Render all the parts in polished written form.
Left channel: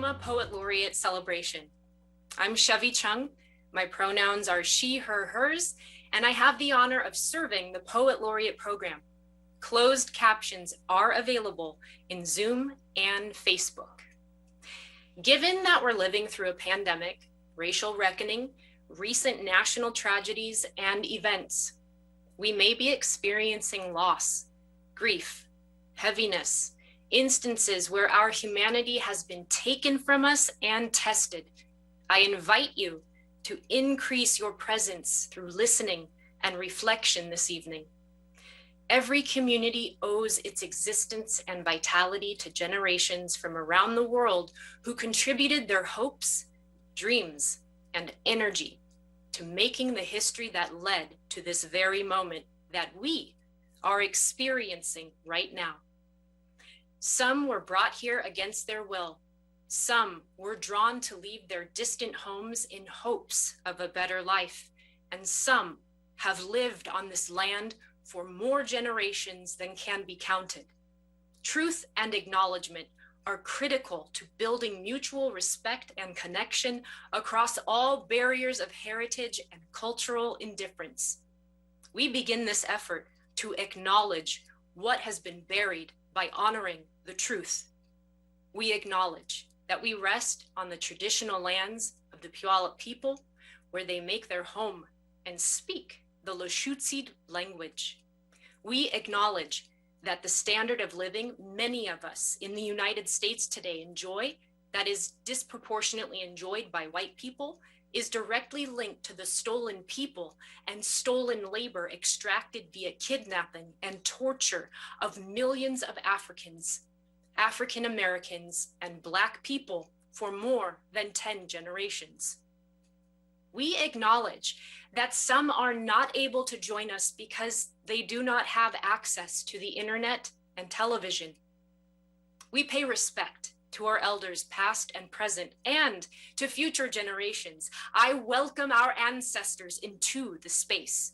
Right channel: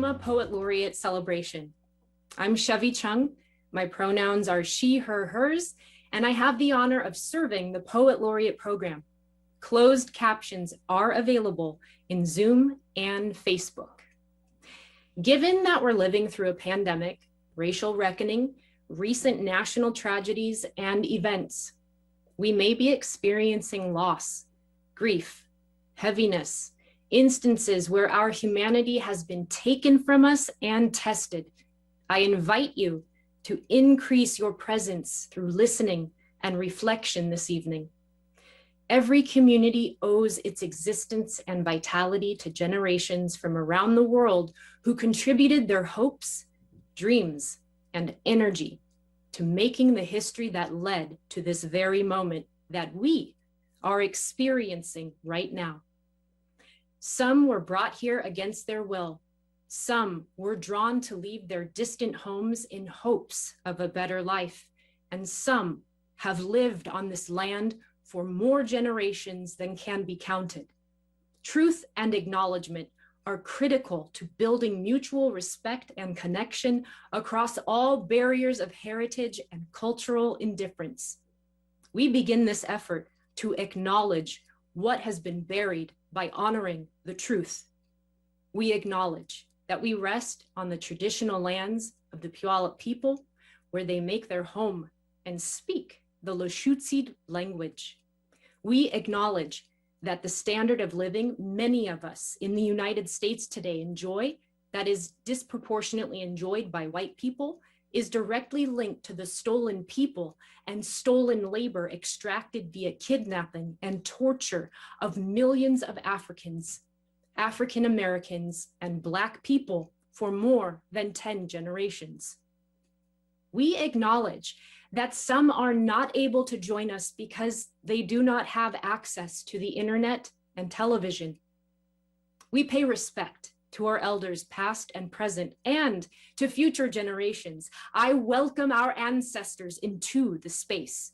Tacoma Poet Laureate celebration. I'm Chevy Chung. My pronouns are she, her, hers, and I have the honor of serving the Poet Laureate program. Closed captions are available in Zoom and Facebook. Given that we're living through a pandemic, racial reckoning, recent national tragedies, and events, we may be experiencing loss, grief, heaviness, instances where our humanity has been taken from us and tested. I invite you to increase your presence through listening and reflection this evening. Every community owes its existence and vitality to generations from around the world who contributed their hopes, dreams, and energy to making the history that led to this very moment that we are experiencing right now. Some were brought here against their will. Some were drawn to leave their distant homes in hopes of a better life. And some have lived on this land for more generations than can be counted. Truth and acknowledgement are critical to building mutual respect and connection across all barriers of heritage and cultural indifference. We begin this effort to acknowledge what has been buried by honoring the truth. We acknowledge that we rest on the traditional lands of the Puyallup people, where they make their home and speak the Lushootseed language. We acknowledge that the standard of living many of us in the United States today enjoy, that is disproportionately enjoyed by white people, is directly linked to the stolen people and stolen labor extracted via kidnapping and torture of millions of Africans, African Americans, and Black people for more than 10 generations. We acknowledge that some are not able to join us because they do not have access to the internet and television. We pay respect to our elders past and present, and to future generations. I welcome our ancestors into the space.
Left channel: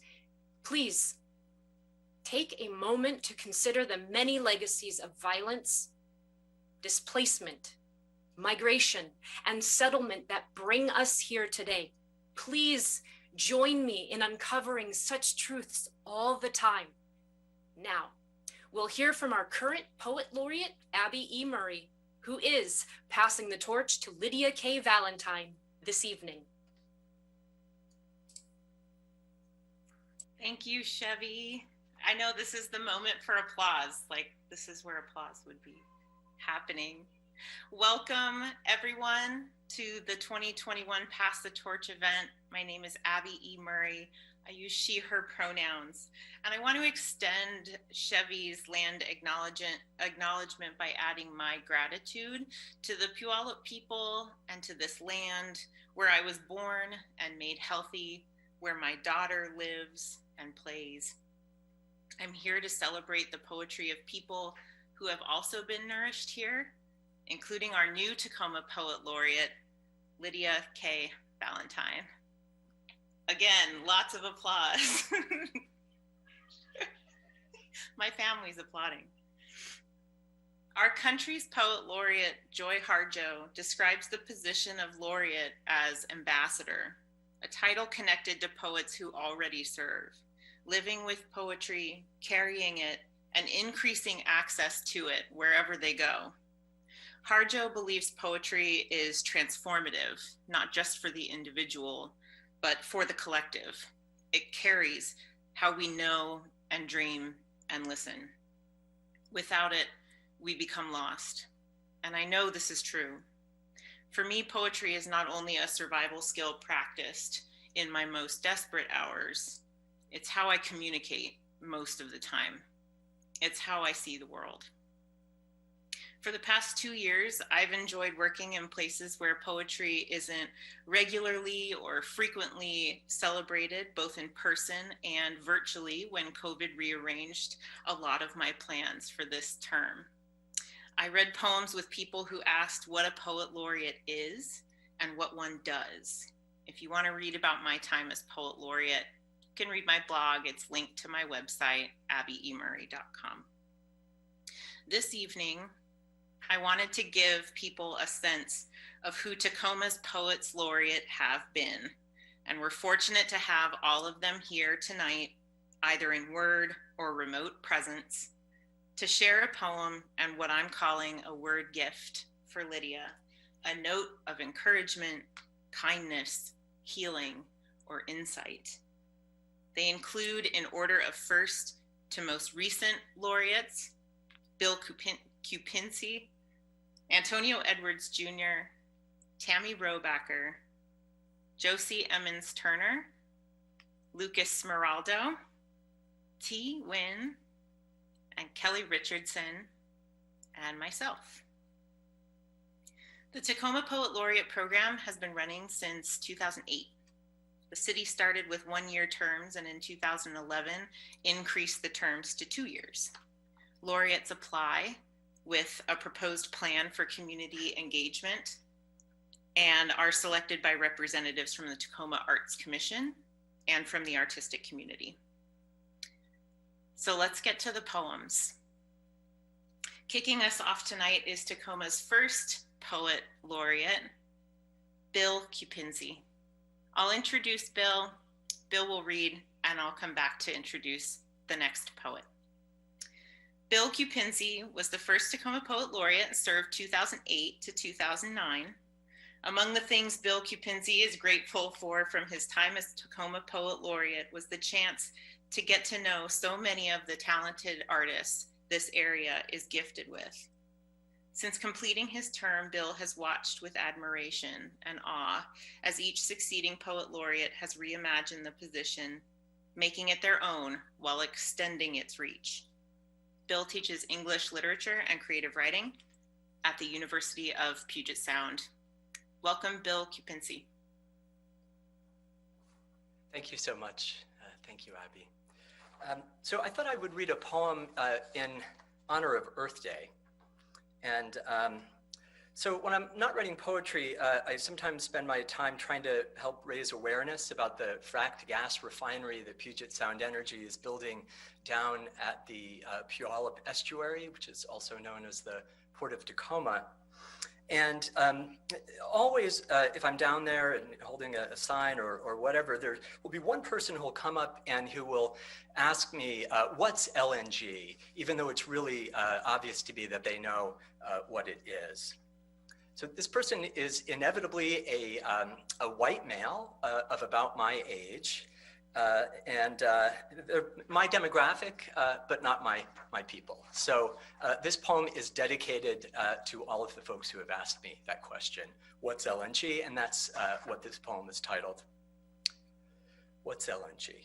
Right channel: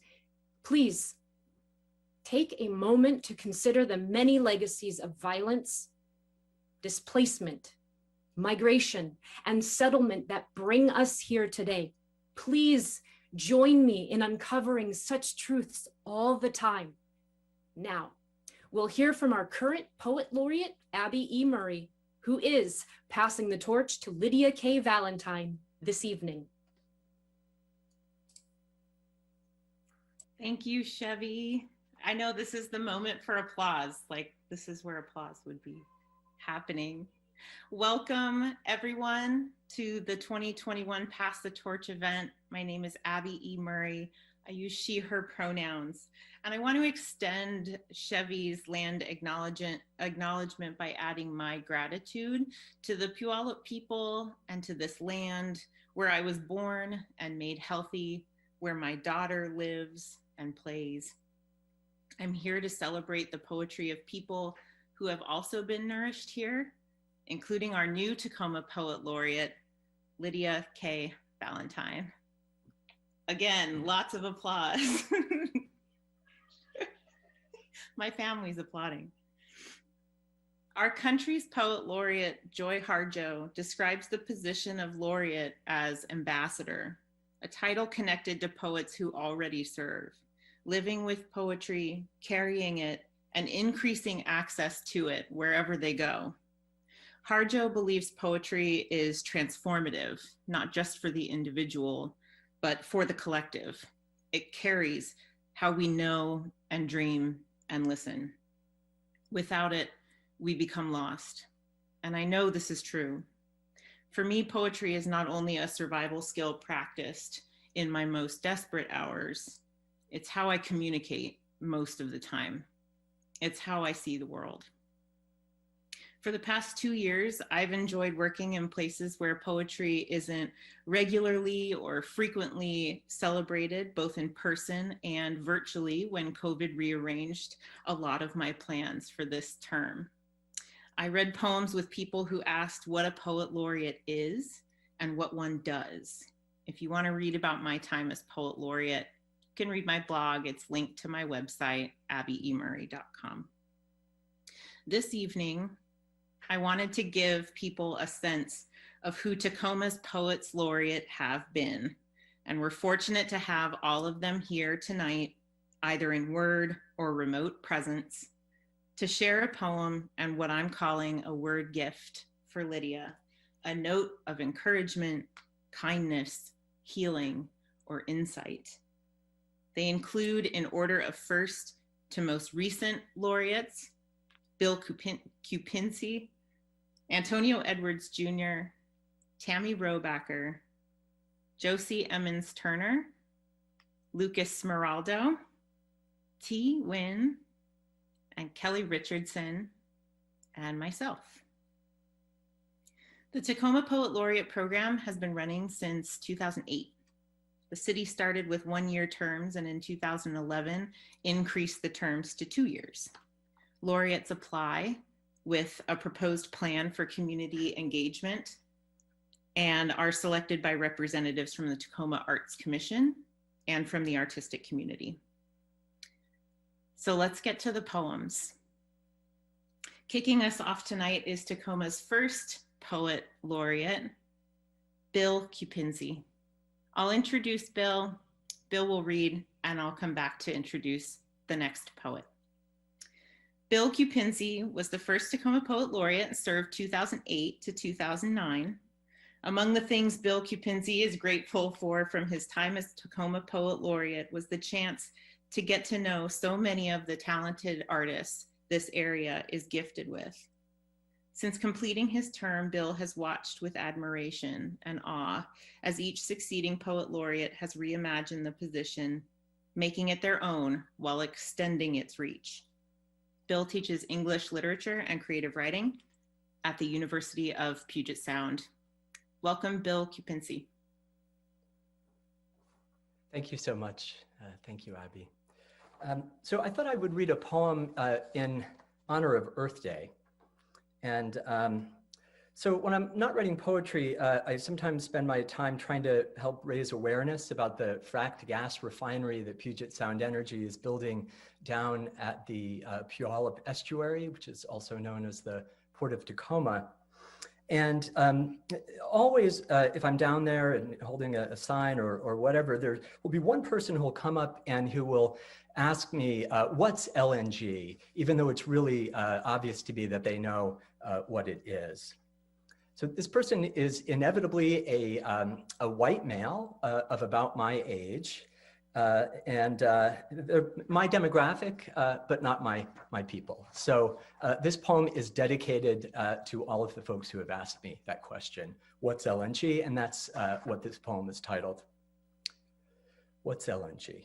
Please take a moment to consider the many legacies of violence, displacement, migration, and settlement that bring us here today. Please join me in uncovering such truths all the time. Now, we'll hear from our current Poet Laureate, Abby E. Murray, who is passing the torch to Lydia K. Valentine this evening. Thank you, Chevy. I know this is the moment for applause, like this is where applause would be happening. Welcome everyone to the 2021 Pass the Torch event. My name is Abby E. Murray. I use she, her pronouns. And I want to extend Chevy's land acknowledgement by adding my gratitude to the Puyallup people and to this land where I was born and made healthy, where my daughter lives and plays. I'm here to celebrate the poetry of people who have also been nourished here, including our new Tacoma Poet Laureate, Lydia K. Valentine. Again, lots of applause. My family's applauding. Our country's Poet Laureate, Joy Harjo, describes the position of laureate as ambassador, a title connected to poets who already serve, living with poetry, carrying it, and increasing access to it wherever they go. Harjo believes poetry is transformative, not just for the individual, but for the collective. It carries how we know and dream and listen. Without it, we become lost. And I know this is true. For me, poetry is not only a survival skill practiced in my most desperate hours, it's how I communicate most of the time. It's how I see the world. For the past 2 years, I've enjoyed working in places where poetry isn't regularly or frequently celebrated, both in person and virtually, when COVID rearranged a lot of my plans for this term. I read poems with people who asked what a poet laureate is and what one does. If you want to read about my time as poet laureate, you can read my blog. It's linked to my website, abbyemurray.com. This evening, I wanted to give people a sense of who Tacoma's Poets Laureate have been. And we're fortunate to have all of them here tonight, either in word or remote presence, to share a poem and what I'm calling a word gift for Lydia, a note of encouragement, kindness, healing, or insight. They include, in order of first to most recent laureates, Bill Cupinzi, Antonio Edwards Jr., Tammy Robacker, Josie Emmons Turner, Lucas Smeraldo, T. Wynn, and Kelly Richardson, and myself. The Tacoma Poet Laureate program has been running since 2008. The city started with 1-year terms and in 2011 increased the terms to 2 years. Laureates apply with a proposed plan for community engagement and are selected by representatives from the Tacoma Arts Commission and from the artistic community. So let's get to the poems. Kicking us off tonight is Tacoma's first poet laureate, Bill Cupinzi. I'll introduce Bill, Bill will read, and I'll come back to introduce the next poet. Bill Cupinzi was the first Tacoma Poet Laureate and served 2008 to 2009. Among the things Bill Cupinzi is grateful for from his time as Tacoma Poet Laureate was the chance to get to know so many of the talented artists this area is gifted with. Since completing his term, Bill has watched with admiration and awe as each succeeding poet laureate has reimagined the position, making it their own while extending its reach. Bill teaches English literature and creative writing at the University of Puget Sound. Welcome, Bill Cupinzi. Thank you so much. Thank you, Abby. So I thought I would read a poem in honor of Earth Day. And so when I'm not writing poetry, I sometimes spend my time trying to help raise awareness about the fracked gas refinery that Puget Sound Energy is building down at the Puyallup Estuary, which is also known as the Port of Tacoma. And always, if I'm down there and holding a sign or whatever, there will be one person who will come up and who will ask me, what's LNG? Even though it's really obvious to me that they know what it is. So this person is inevitably a white male of about my age, and my demographic, but not my people. So this poem is dedicated to all of the folks who have asked me that question, what's LNG? And that's what this poem is titled. What's LNG?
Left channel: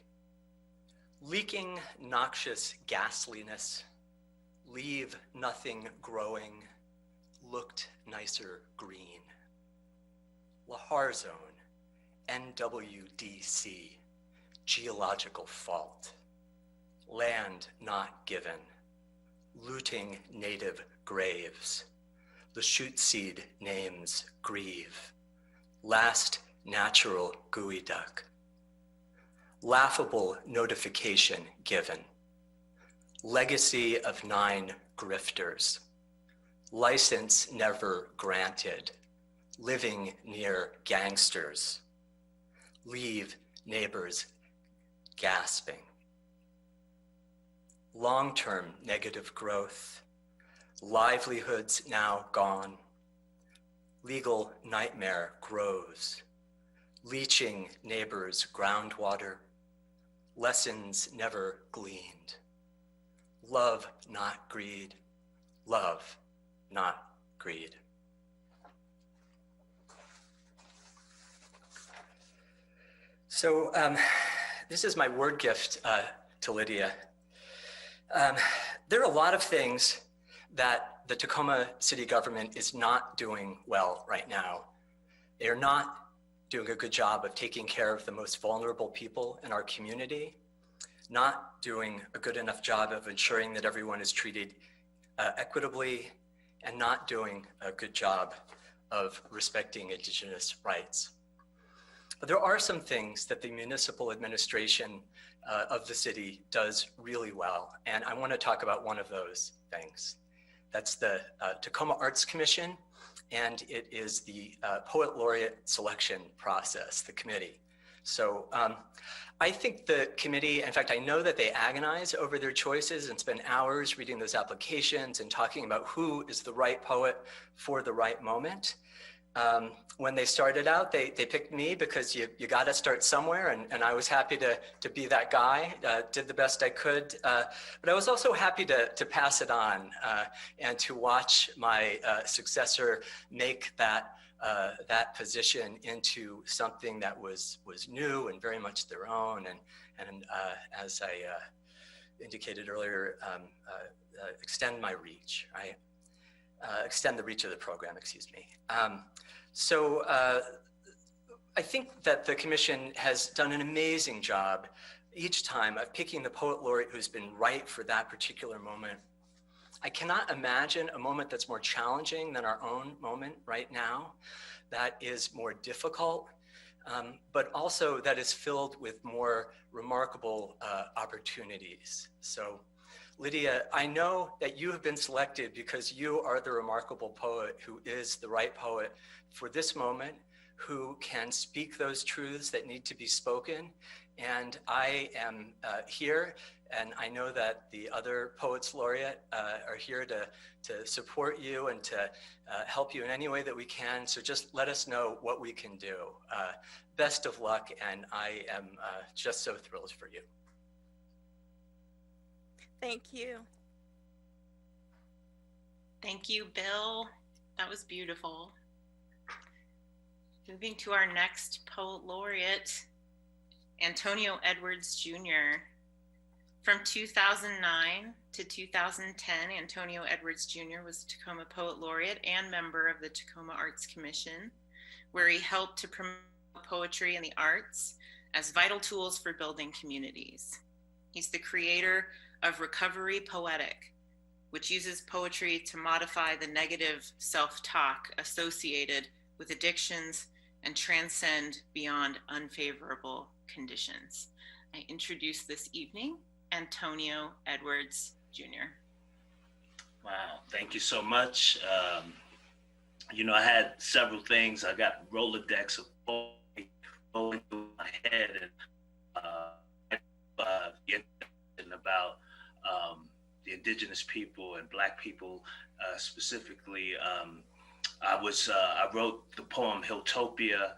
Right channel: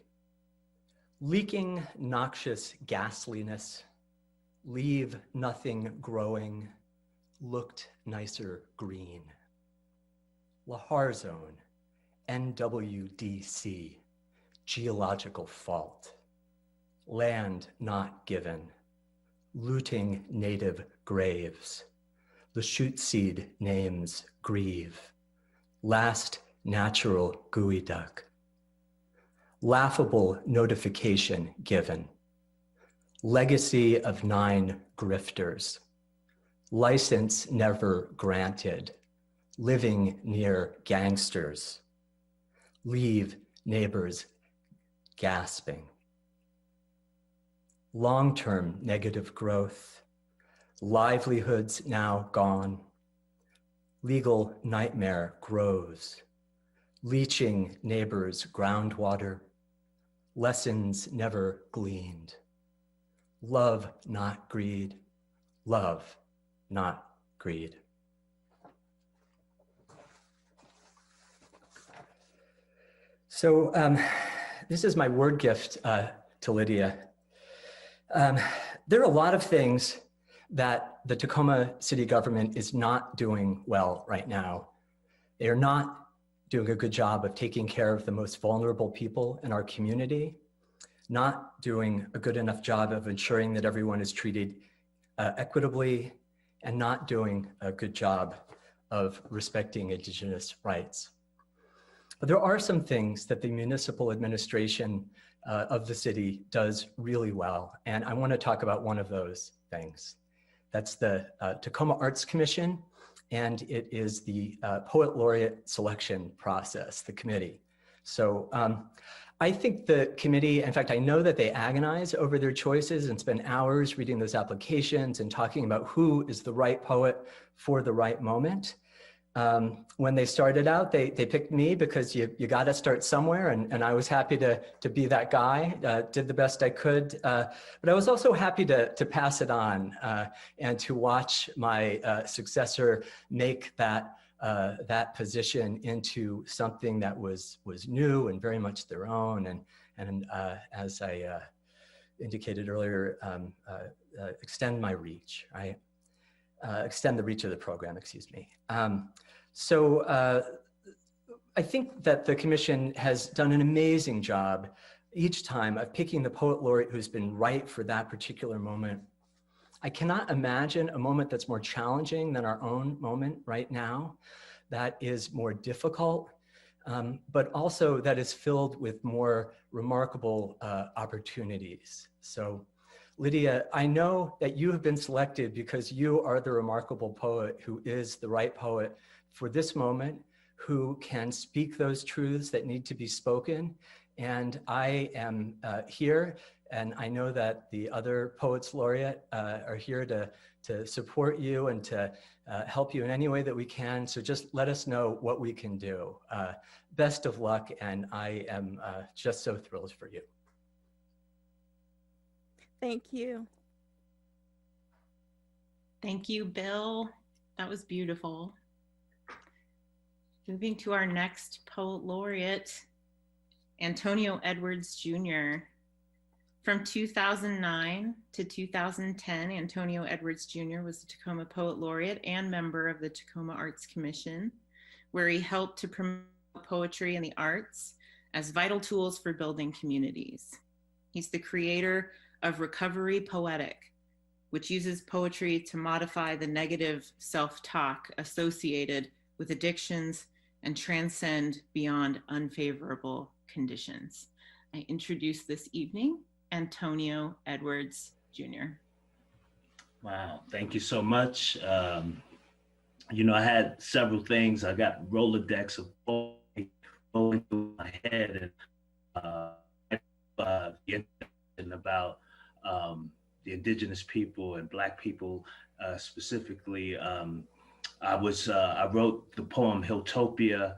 Leaking noxious ghastliness, leave nothing growing, looked nicer green. Lahar Zone, NWDC, geological fault, land not given, looting native graves, Lachute names grieve, last natural geoduck, laughable notification given, legacy of 9 grifters, license never granted, living near gangsters, leave neighbors gasping. Long-term negative growth, livelihoods now gone, legal nightmare grows, leaching neighbors' groundwater, lessons never gleaned, love not greed, love not greed. So this is my word gift to Lydia. There are a lot of things that the Tacoma city government is not doing well right now. They are not doing a good job of taking care of the most vulnerable people in our community, not doing a good enough job of ensuring that everyone is treated equitably, and not doing a good job of respecting Indigenous rights. But there are some things that the municipal administration of the city does really well, and I want to talk about one of those things. That's the Tacoma Arts Commission, and it is the Poet Laureate selection process, the committee. So I think the committee, in fact, I know that they agonize over their choices and spend hours reading those applications and talking about who is the right poet for the right moment. When they started out, they picked me because you got to start somewhere, and I was happy to be that guy, did the best I could. But I was also happy to pass it on and to watch my successor make that position into something that was new and very much their own. And as I indicated earlier, extend my reach, right? Extend the reach of the program, excuse me. So I think that the commission has done an amazing job each time of picking the poet laureate who's been right for that particular moment. I cannot imagine a moment that's more challenging than our own moment right now, that is more difficult, but also that is filled with more remarkable opportunities. So Lydia, I know that you have been selected because you are the remarkable poet who is the right poet for this moment, who can speak those truths that need to be spoken. And I am here, and I know that the other Poets Laureate are here to support you and to help you in any way that we can. So just let us know what we can do. Best of luck, and I am just so thrilled for you. Thank you. Thank you, Bill. That was beautiful. Moving to our next Poet Laureate, Antonio Edwards Jr. From 2009 to 2010, Antonio Edwards Jr. was the Tacoma Poet Laureate and member of the Tacoma Arts Commission, where he helped to promote poetry and the arts as vital tools for building communities. He's the creator of Recovery Poetic, which uses poetry to modify the negative self-talk associated with addictions and transcend beyond unfavorable conditions. I introduce this evening Antonio Edwards Jr. Wow, thank you so much. You know, I had several things. I got Rolodex of poetry going through my head, and about the indigenous people and Black people specifically. I wrote the poem Hilltopia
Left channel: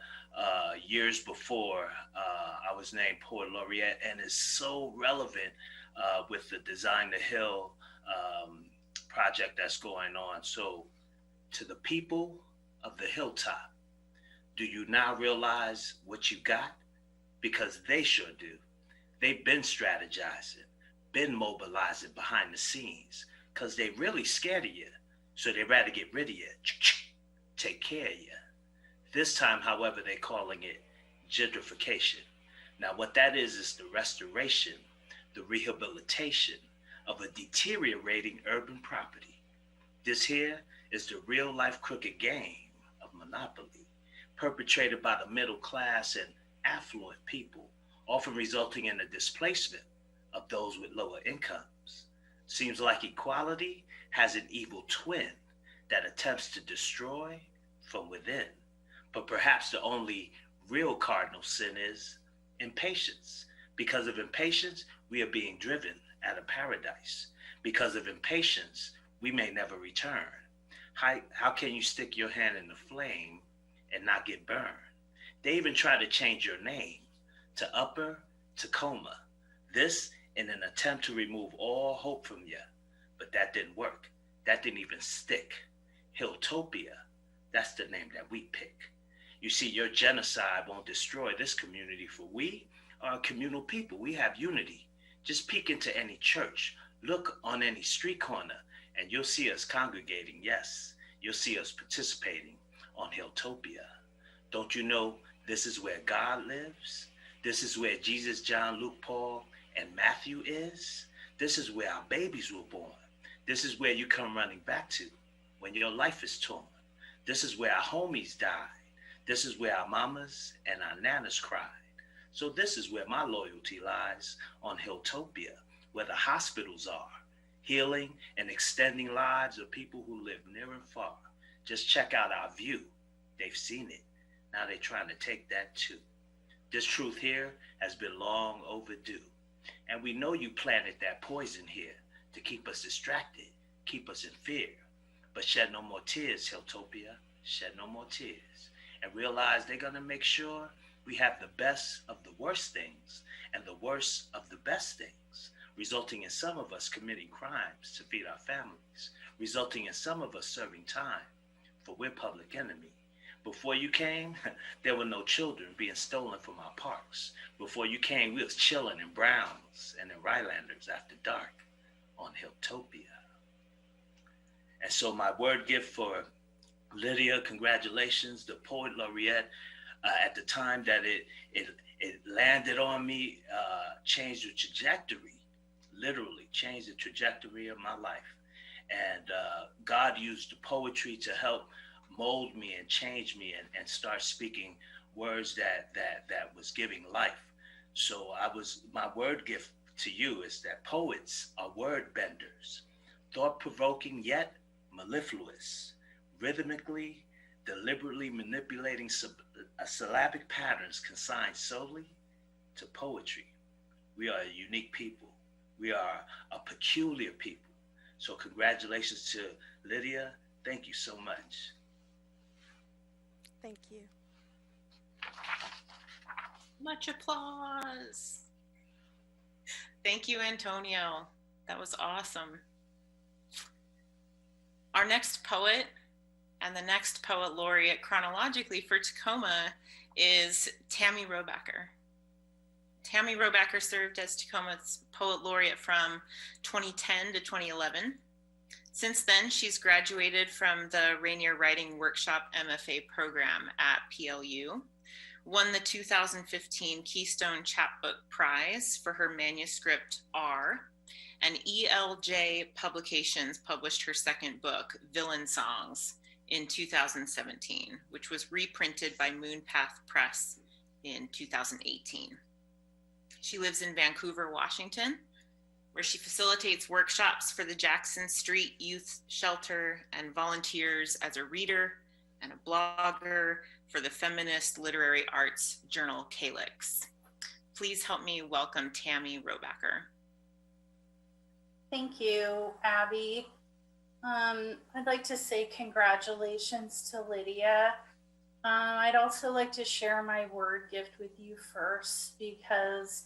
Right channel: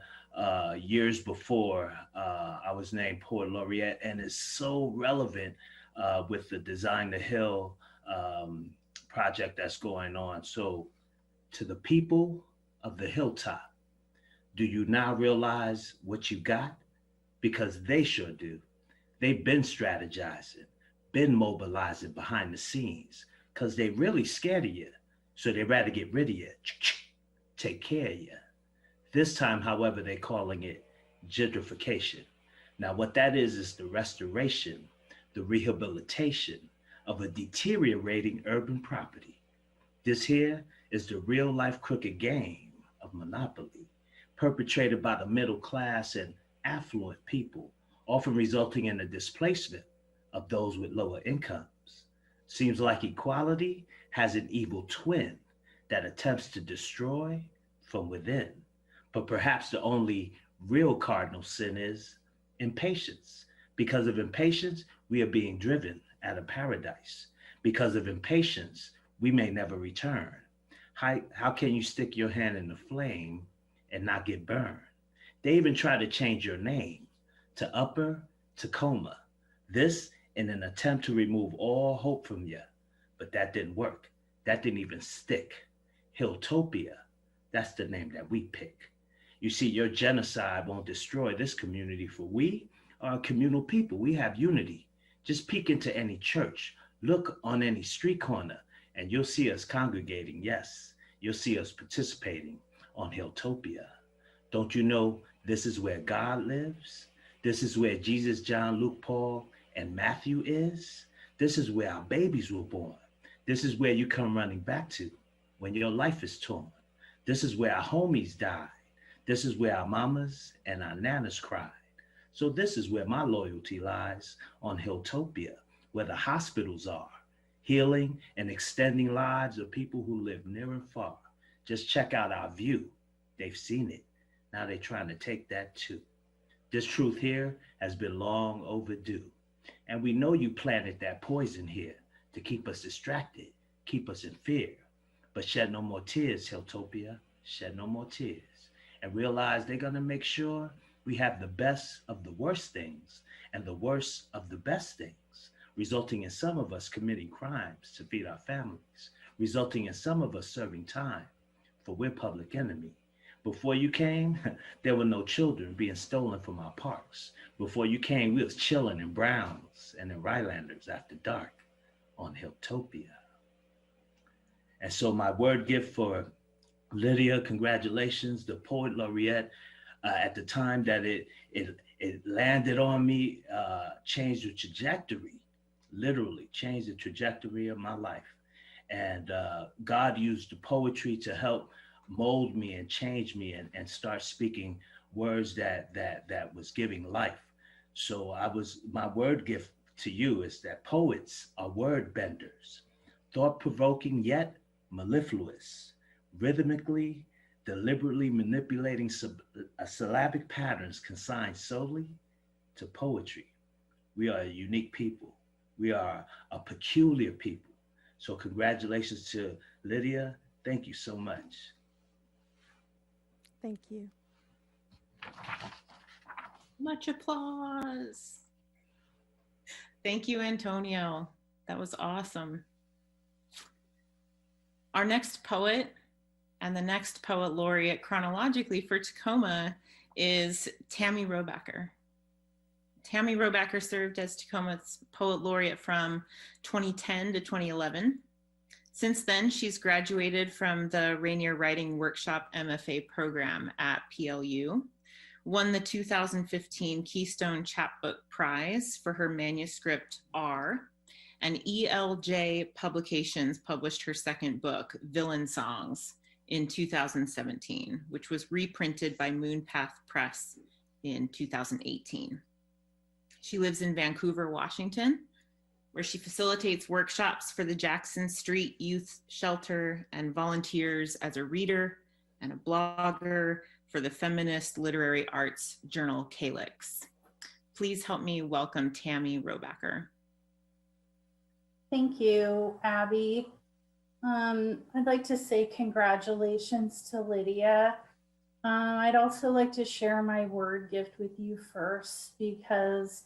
years before I was named Poet Laureate, and it's so relevant with the Design the Hill project that's going on. So, to the people of the hilltop, do you now realize what you got? Because they sure do. They've been strategizing, been mobilizing behind the scenes, because they really scared of you. So they'd rather get rid of you, take care of you. This time, however, they're calling it gentrification. Now, what that is the restoration, the rehabilitation of a deteriorating urban property. This here is the real life crooked game of monopoly, perpetrated by the middle class and affluent people, often resulting in the displacement of those with lower incomes. Seems like equality has an evil twin that attempts to destroy from within. But perhaps the only real cardinal sin is impatience. Because of impatience, we are being driven out of paradise. Because of impatience, we may never return. How can you stick your hand in the flame and not get burned? They even try to change your name to Upper Tacoma. This in an attempt to remove all hope from you. But that didn't work. That didn't even stick. Hilltopia, that's the name that we pick. You see, your genocide won't destroy this community, for we are a communal people. We have unity. Just peek into any church, look on any street corner, and you'll see us congregating. Yes, you'll see us participating on Hilltopia. Don't you know this is where God lives? This is where Jesus, John, Luke, Paul, and Matthew is. This is where our babies were born. This is where you come running back to when your life is torn. This is where our homies died. This is where our mamas and our nanas cried. So this is where my loyalty lies, on Hilltopia, where the hospitals are, healing, and extending lives of people who live near and far. Just check out our view. They've seen it. Now they're trying to take that too. This truth here has been long overdue. And we know you planted that poison here to keep us distracted, keep us in fear. But shed no more tears, Hilltopia. Shed no more tears. And realize they're going to make sure we have the best of the worst things and the worst of the best things, resulting in some of us committing crimes to feed our families, resulting in some of us serving time, for we're public enemy. Before you came, there were no children being stolen from our parks. Before you came, we was chilling in Browns and in Rylanders after dark on Hilltopia. And so my word gift for Lydia, congratulations, the Poet Laureate. At the time that it landed on me, changed the trajectory, literally changed the trajectory of my life. And God used the poetry to help mold me and change me and start speaking words that was giving life. So my word gift to you is that poets are word benders, thought-provoking yet mellifluous, rhythmically, deliberately manipulating syllabic patterns consigned solely to poetry. We are a unique people. We are a peculiar people. So congratulations to Lydia. Thank you so much. Thank you. Much applause. Thank you, Antonio. That was awesome. Our next poet and the next poet laureate chronologically for Tacoma is Tammy Robacker. Tammy Robacker served as Tacoma's poet laureate from 2010 to 2011. Since then, she's graduated from the Rainier Writing Workshop MFA program at PLU, won the 2015 Keystone Chapbook Prize for her manuscript R, and ELJ Publications published her second book, Villain Songs, in 2017, which was reprinted by Moonpath Press in 2018. She lives in Vancouver, Washington, where she facilitates workshops for the Jackson Street Youth Shelter and volunteers as a reader and a blogger for the feminist literary arts journal Calyx. Please help me welcome Tammy Robacker. Thank you, Abby. I'd like to say congratulations to Lydia. I'd also like to share my word gift with you first, because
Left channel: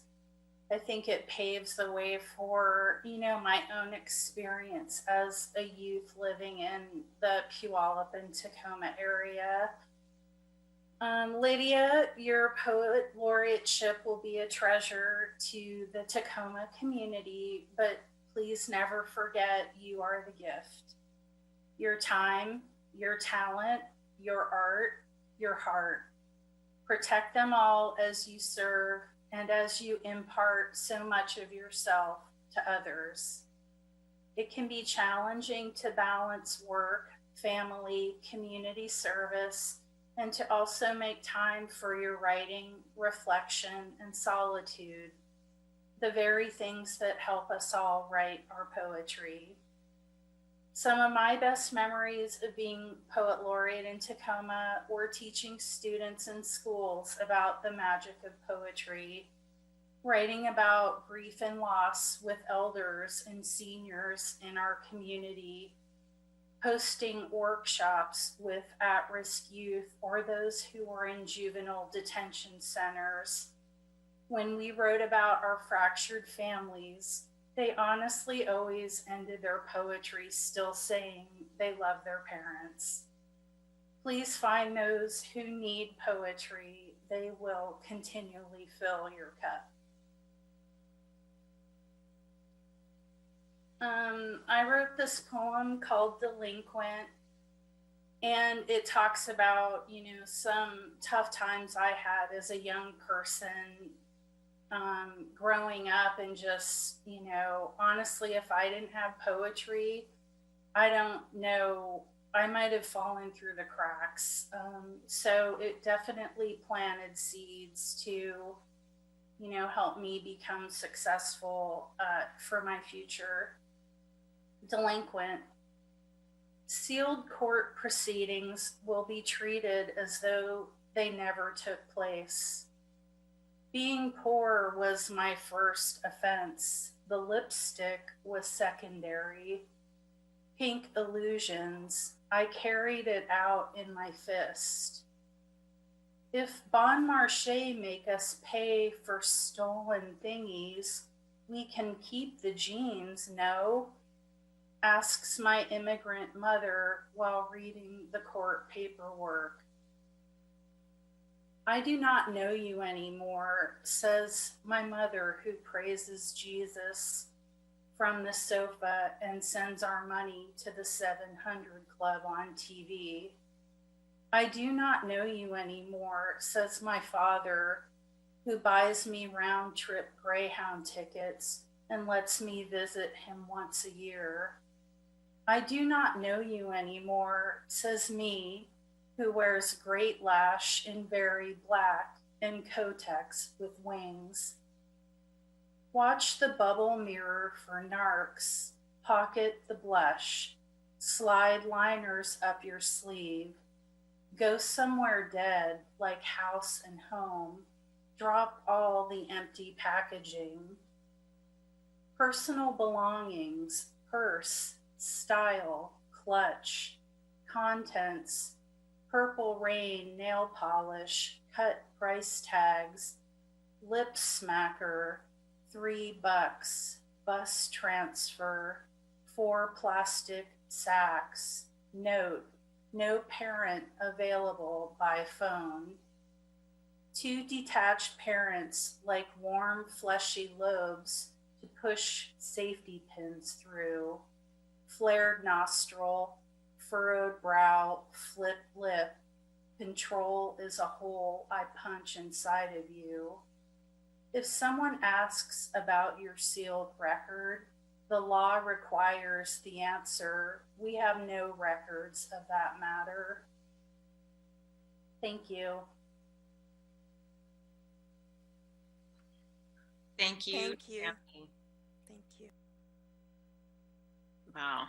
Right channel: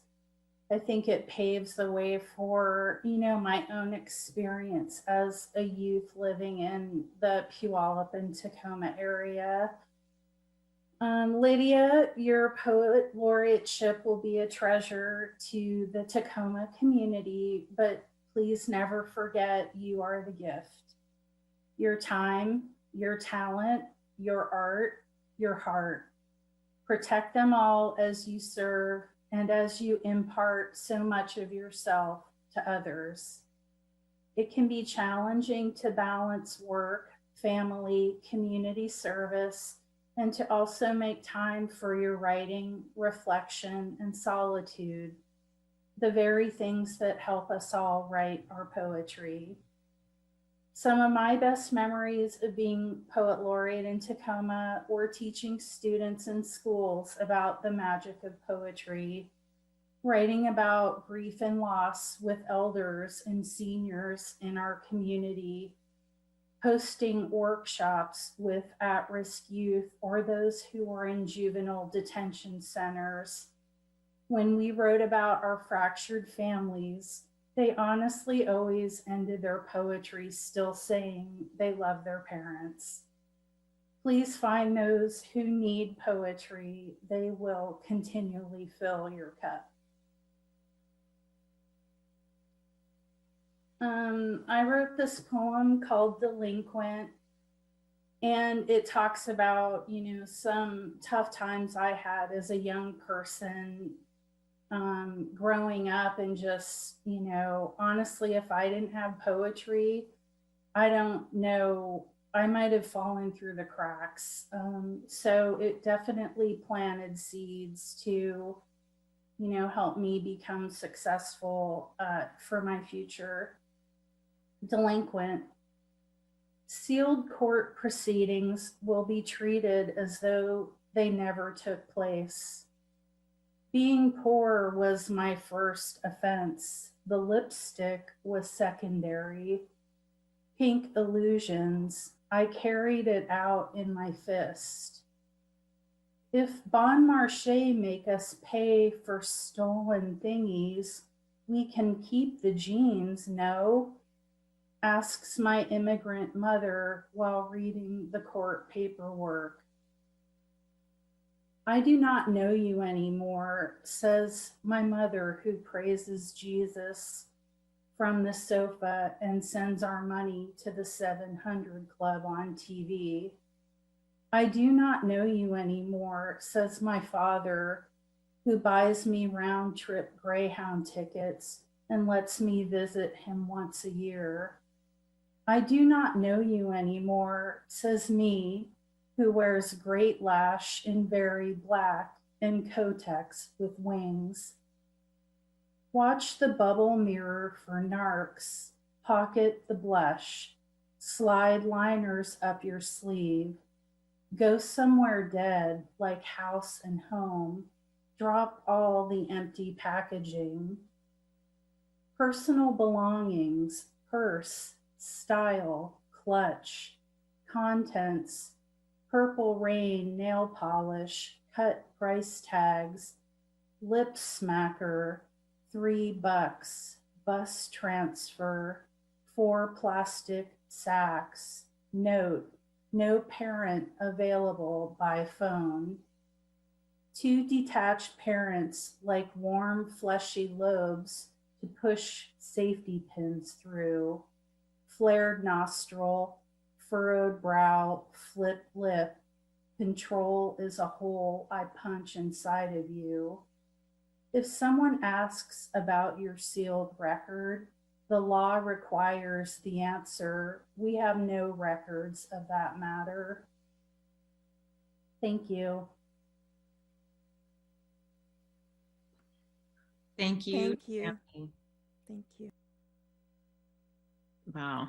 I think it paves the way for, my own experience as a youth living in the Puyallup and Tacoma area. Lydia, your poet laureateship will be a treasure to the Tacoma community, but please never forget you are the gift. Your time, your talent, your art, your heart. Protect them all as you serve and as you impart so much of yourself to others. It can be challenging to balance work, family, community service, and to also make time for your writing, reflection, and solitude, the very things that help us all write our poetry. Some of my best memories of being Poet Laureate in Tacoma were teaching students in schools about the magic of poetry, writing about grief and loss with elders and seniors in our community, hosting workshops with at-risk youth or those who were in juvenile detention centers. When we wrote about our fractured families, they honestly always ended their poetry still saying they love their parents. Please find those who need poetry. They will continually fill your cup. I wrote this poem called Delinquent, and it talks about, some tough times I had as a young person, growing up, and just, honestly, if I didn't have poetry, I don't know, I might have fallen through the cracks. So it definitely planted seeds to, help me become successful for my future. delinquent. Sealed court proceedings will be treated as though they never took place. Being poor was my first offense. The lipstick was secondary. Pink illusions, I carried it out in my fist. If Bon Marché make us pay for stolen thingies, we can keep the jeans, no? Asks my immigrant mother while reading the court paperwork. I do not know you anymore, says my mother, who praises Jesus from the sofa and sends our money to the 700 Club on TV. I do not know you anymore, says my father, who buys me round-trip Greyhound tickets and lets me visit him once a year. I do not know you anymore, says me, who wears great lash in very black and Kotex with wings. Watch the bubble mirror for narcs, pocket the blush, slide liners up your sleeve, go somewhere dead like House and Home, drop all the empty packaging. Personal belongings, purse, style, clutch, contents, Purple Rain nail polish, cut price tags, lip smacker, $3, bus transfer, 4 plastic sacks, note, no parent available by phone. 2 detached parents like warm fleshy lobes to push safety pins through, flared nostril, furrowed brow, flip lip. Control is a hole I punch inside of you. If someone asks about your sealed record, the law requires the answer, we have no records of that matter. Thank you. Thank you. Thank you. Tammy. Thank you. Wow.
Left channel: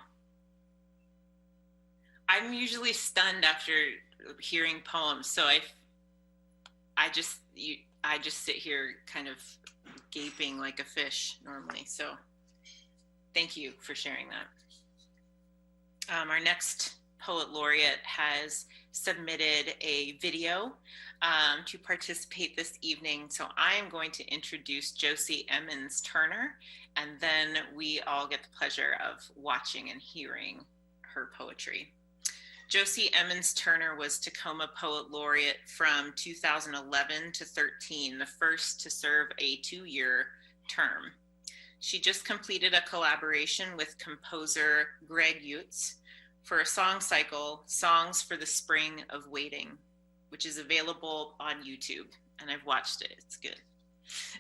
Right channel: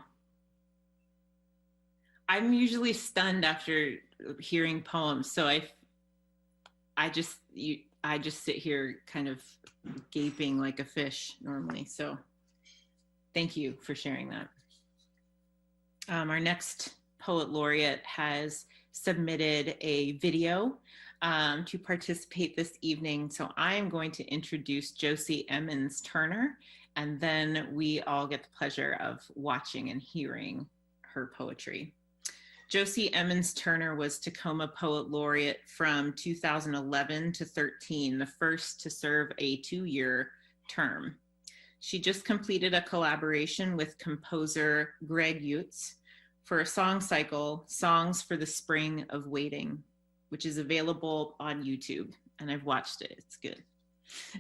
I'm usually stunned after hearing poems, so I just sit here kind of gaping like a fish normally. So thank you for sharing that. Our next poet laureate has submitted a video to participate this evening. So I am going to introduce Josie Emmons Turner, and then we all get the pleasure of watching and hearing her poetry. Josie Emmons Turner was Tacoma Poet Laureate from 2011 to 13, the first to serve a 2-year term. She just completed a collaboration with composer Greg Utz for a song cycle, Songs for the Spring of Waiting, which is available on YouTube, and I've watched it. It's good.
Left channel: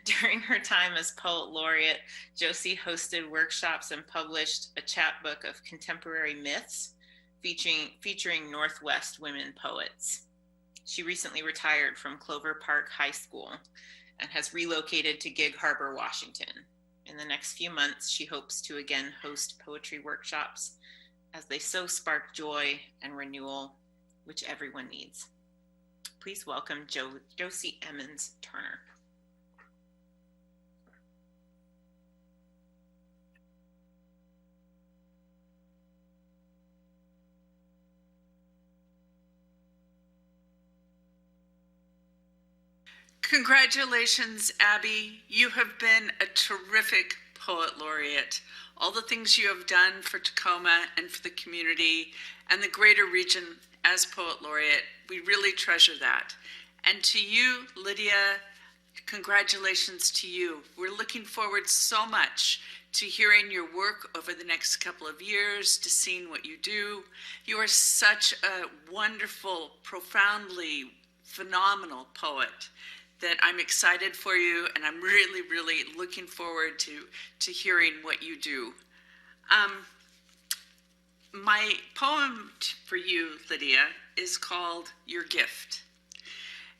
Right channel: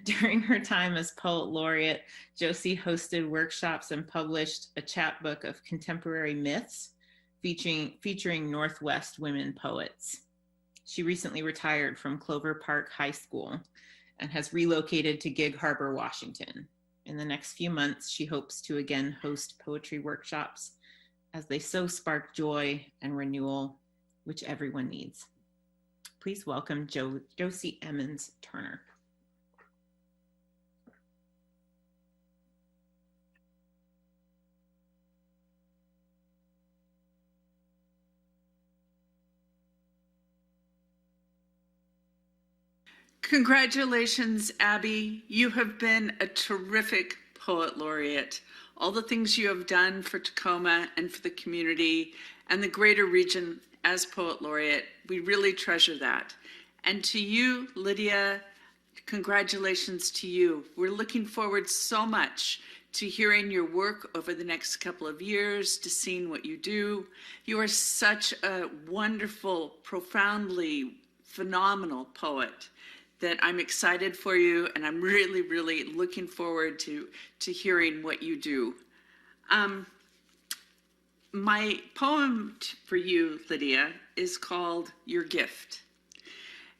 During her time as Poet Laureate, Josie hosted workshops and published a chapbook of contemporary myths featuring Northwest women poets. She recently retired from Clover Park High School and has relocated to Gig Harbor, Washington. In the next few months, she hopes to again host poetry workshops as they so spark joy and renewal, which everyone needs. Please welcome Josie Emmons Turner. Congratulations, Abby. You have been a terrific Poet Laureate. All the things you have done for Tacoma and for the community and the greater region as Poet Laureate, we really treasure that. And to you, Lydia, congratulations to you. We're looking forward so much to hearing your work over the next couple of years, to seeing what you do. You are such a wonderful, profoundly phenomenal poet that I'm excited for you, and I'm really, really looking forward to hearing what you do. My poem for you, Lydia, is called Your Gift.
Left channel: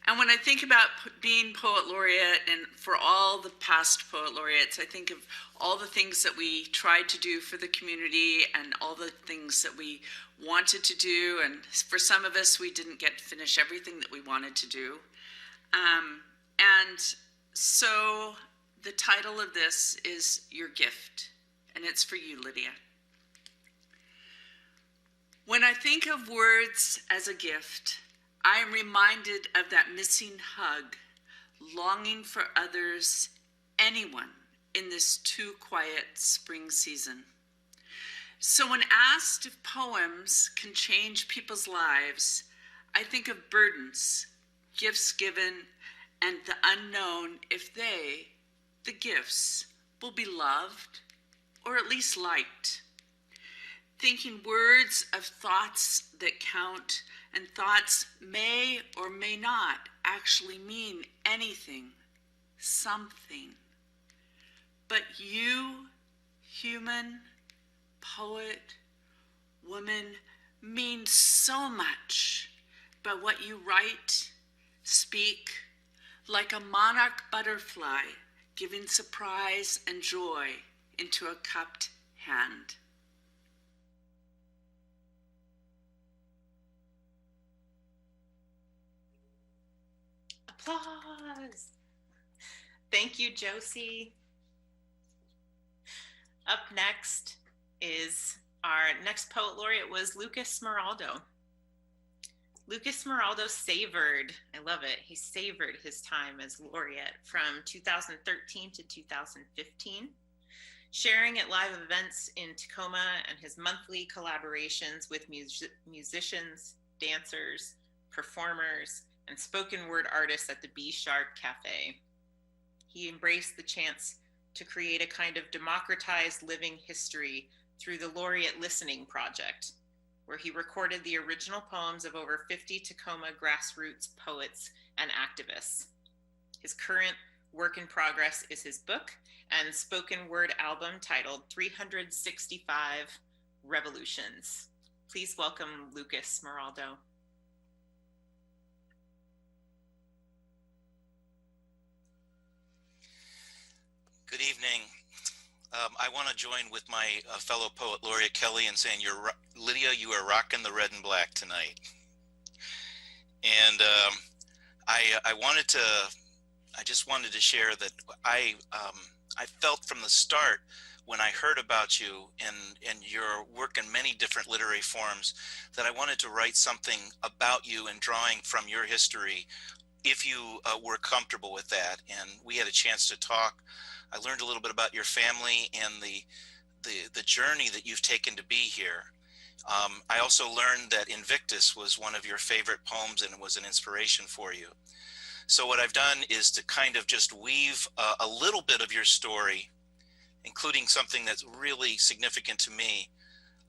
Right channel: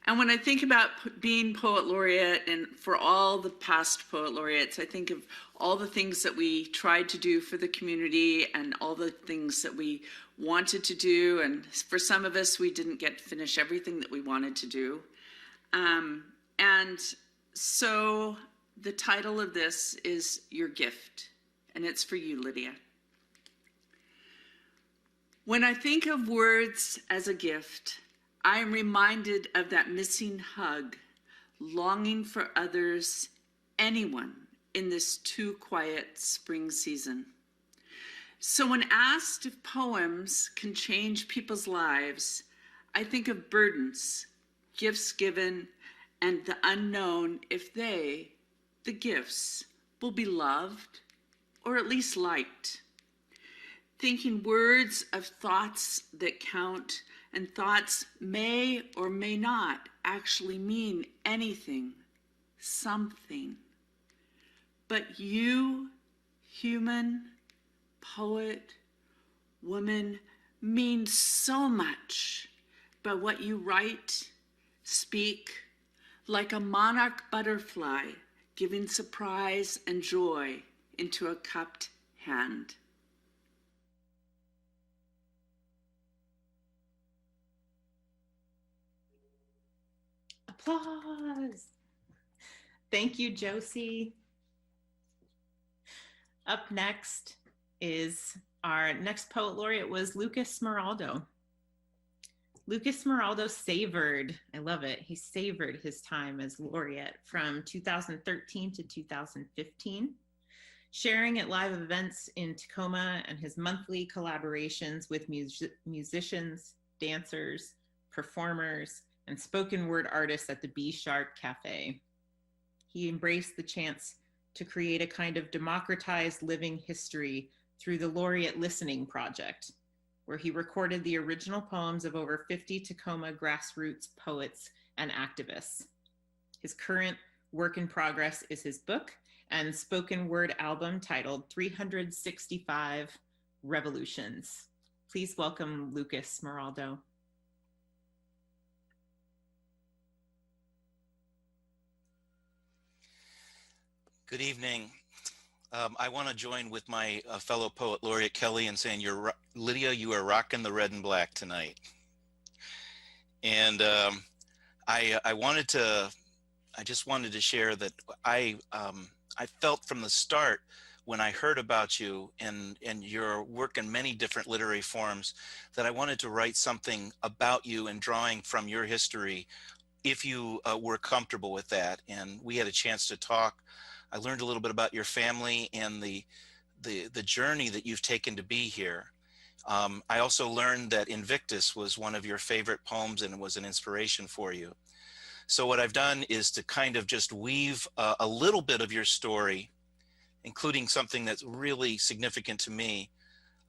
And when I think about being Poet Laureate, and for all the past Poet Laureates, I think of all the things that we tried to do for the community and all the things that we wanted to do. And for some of us, we didn't get to finish everything that we wanted to do. And so the title of this is Your Gift, and it's for you, Lydia. When I think of words as a gift, I am reminded of that missing hug, longing for others, anyone, in this too quiet spring season. So when asked if poems can change people's lives, I think of burdens, gifts given, and the unknown if they, the gifts, will be loved or at least liked. Thinking words of thoughts that count, and thoughts may or may not actually mean anything, something. But you, human, poet, woman, mean so much by what you write, speak, like a monarch butterfly giving surprise and joy into a cupped hand. Applause. Thank you, Josie. Up next is our next poet laureate was Lucas Smeraldo. Lucas Smeraldo savored, I love it, he savored his time as laureate from 2013 to 2015, sharing at live events in Tacoma and his monthly collaborations with musicians, dancers, performers, and spoken word artists at the B Shark Cafe. He embraced the chance to create a kind of democratized living history through the Laureate Listening Project, where he recorded the original poems of over 50 Tacoma grassroots poets and activists. His current work in progress is his book and spoken word album titled 365 Revolutions. Please welcome Lucas Smeraldo. Good evening. I want to join with my fellow poet laureate Kelly in saying, Lydia, you are rocking the red and black tonight. And I just wanted to share that I felt from the start when I heard about you and your work in many different literary forms that I wanted to write something about you and drawing from your history, if you were comfortable with that. And we had a chance to talk. I learned a little bit about your family and the journey that you've taken to be here. I also learned that Invictus was one of your favorite poems and it was an inspiration for you. So what I've done is to kind of just weave a little bit of your story, including something that's really significant to me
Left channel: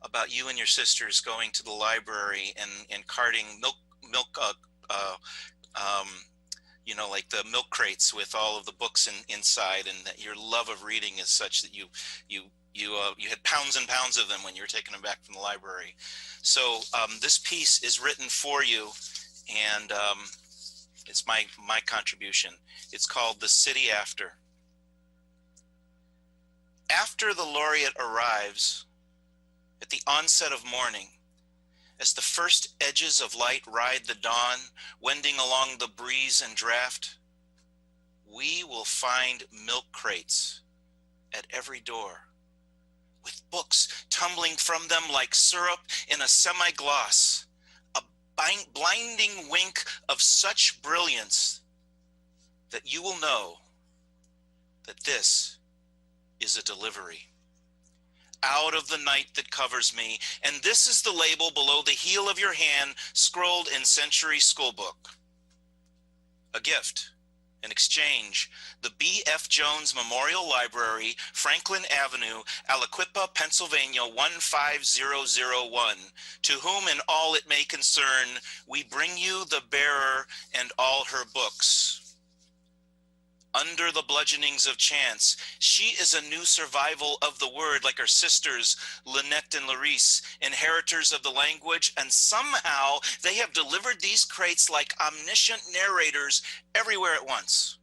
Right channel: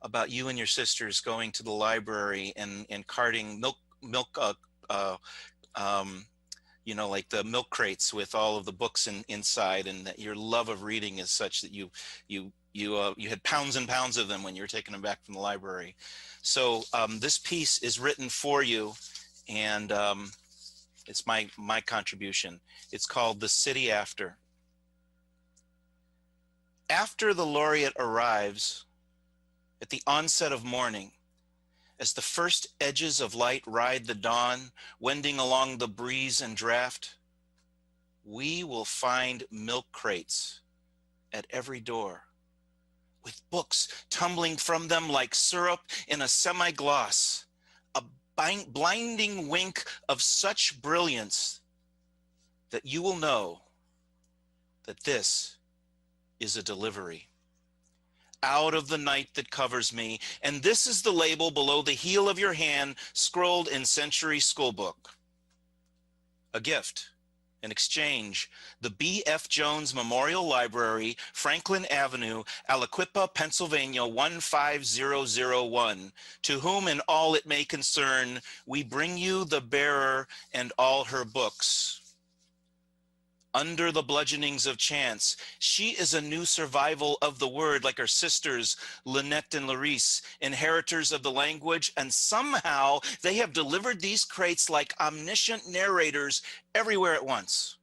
about you and your sisters going to the library and carting milk you know, like the milk crates with all of the books inside, and that your love of reading is such that you had pounds and pounds of them when you were taking them back from the library. So this piece is written for you, and it's my contribution. It's called The City After. After the laureate arrives at the onset of morning, as the first edges of light ride the dawn, wending along the breeze and draft, we will find milk crates at every door, with books tumbling from them like syrup in a semi-gloss, a blinding wink of such brilliance that you will know that this is a delivery out of the night that covers me, and this is the label below the heel of your hand, scrolled in Century Schoolbook. A gift, an exchange, the B.F. Jones Memorial Library, Franklin Avenue, Aliquippa, Pennsylvania 15001. To whom in all it may concern, we bring you the bearer and all her books. Under the bludgeonings of chance, she is a new survival of the word, like her sisters, Lynette and Larice, inheritors of the language, and somehow they have delivered these crates like omniscient narrators everywhere at once.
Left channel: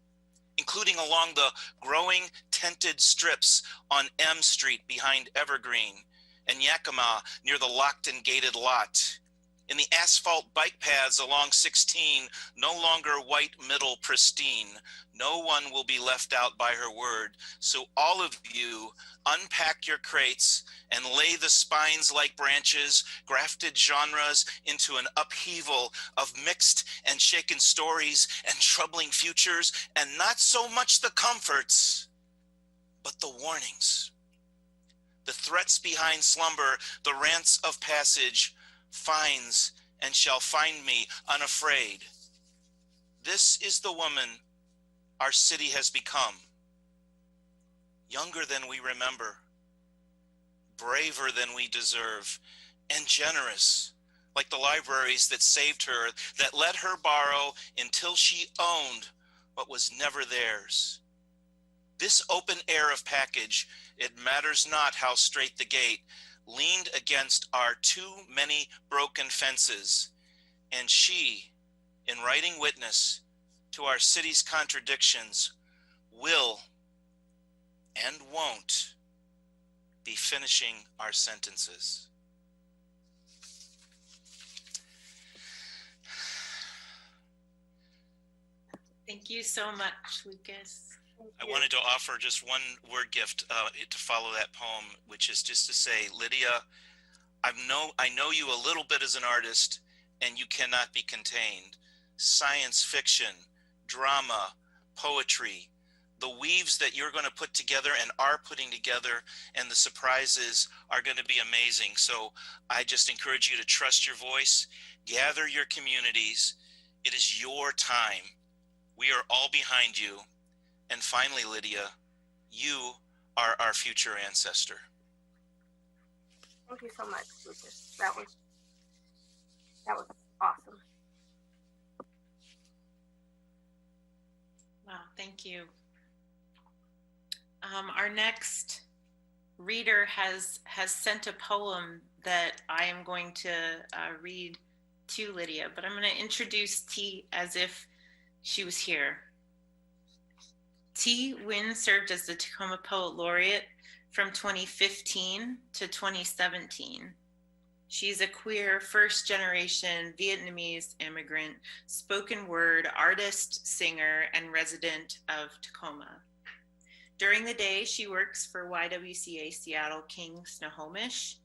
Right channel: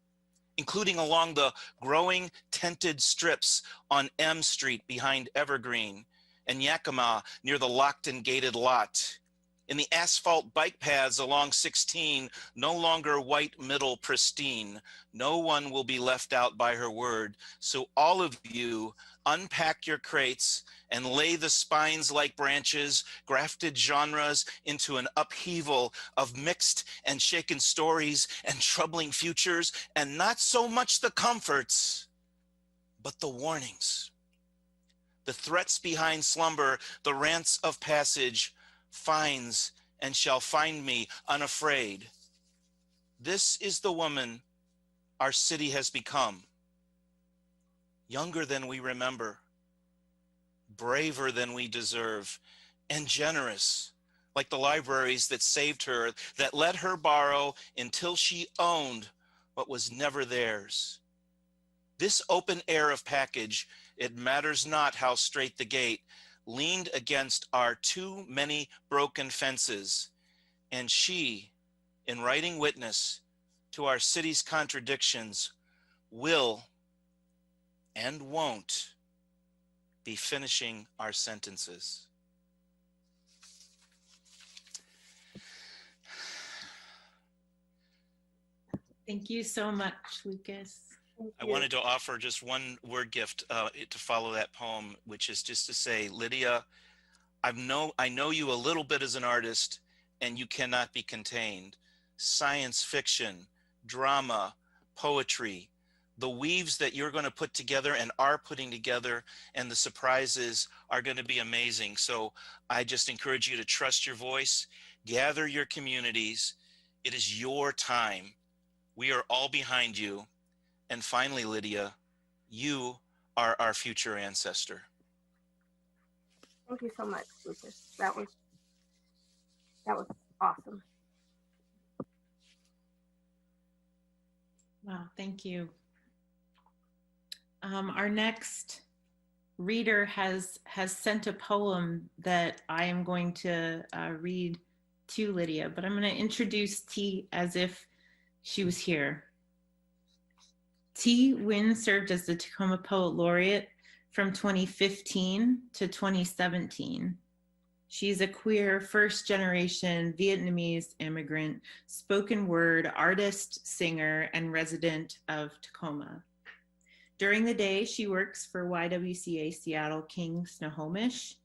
including along the growing tented strips on M Street behind Evergreen and Yakima near the locked and gated lot. In the asphalt bike paths along 16, no longer white middle pristine. No one will be left out by her word. So all of you unpack your crates and lay the spines like branches, grafted genres into an upheaval of mixed and shaken stories and troubling futures, and not so much the comforts, but the warnings. The threats behind slumber, the rants of passage, finds and shall find me unafraid. This is the woman our city has become. Younger than we remember, braver than we deserve, and generous, like the libraries that saved her, that let her borrow until she owned what was never theirs. This open air of package, it matters not how straight the gate, leaned against our too many broken fences. And she, in writing witness to our city's contradictions, will and won't be finishing our sentences. Thank you so much, Lucas. I wanted to offer just one word gift to follow that poem, which is just to say, Lydia, I know you a little bit as an artist, and you cannot be contained. Science fiction, drama, poetry, the weaves that you're going to put together and are putting together, and the surprises are going to be amazing. So I just encourage you to trust your voice, gather your communities. It is your time. We are all behind you. And finally, Lydia, you are our future ancestor. Thank you so much, Lucas. That was awesome. Wow, thank you. Our next reader has sent a poem that I am going to read to Lydia, but I'm going to introduce T as if she was here. T. Nguyen served as the Tacoma Poet Laureate from 2015 to 2017. She's a queer first-generation Vietnamese immigrant, spoken word artist, singer, and resident of Tacoma. During the day, she works for YWCA Seattle King Snohomish,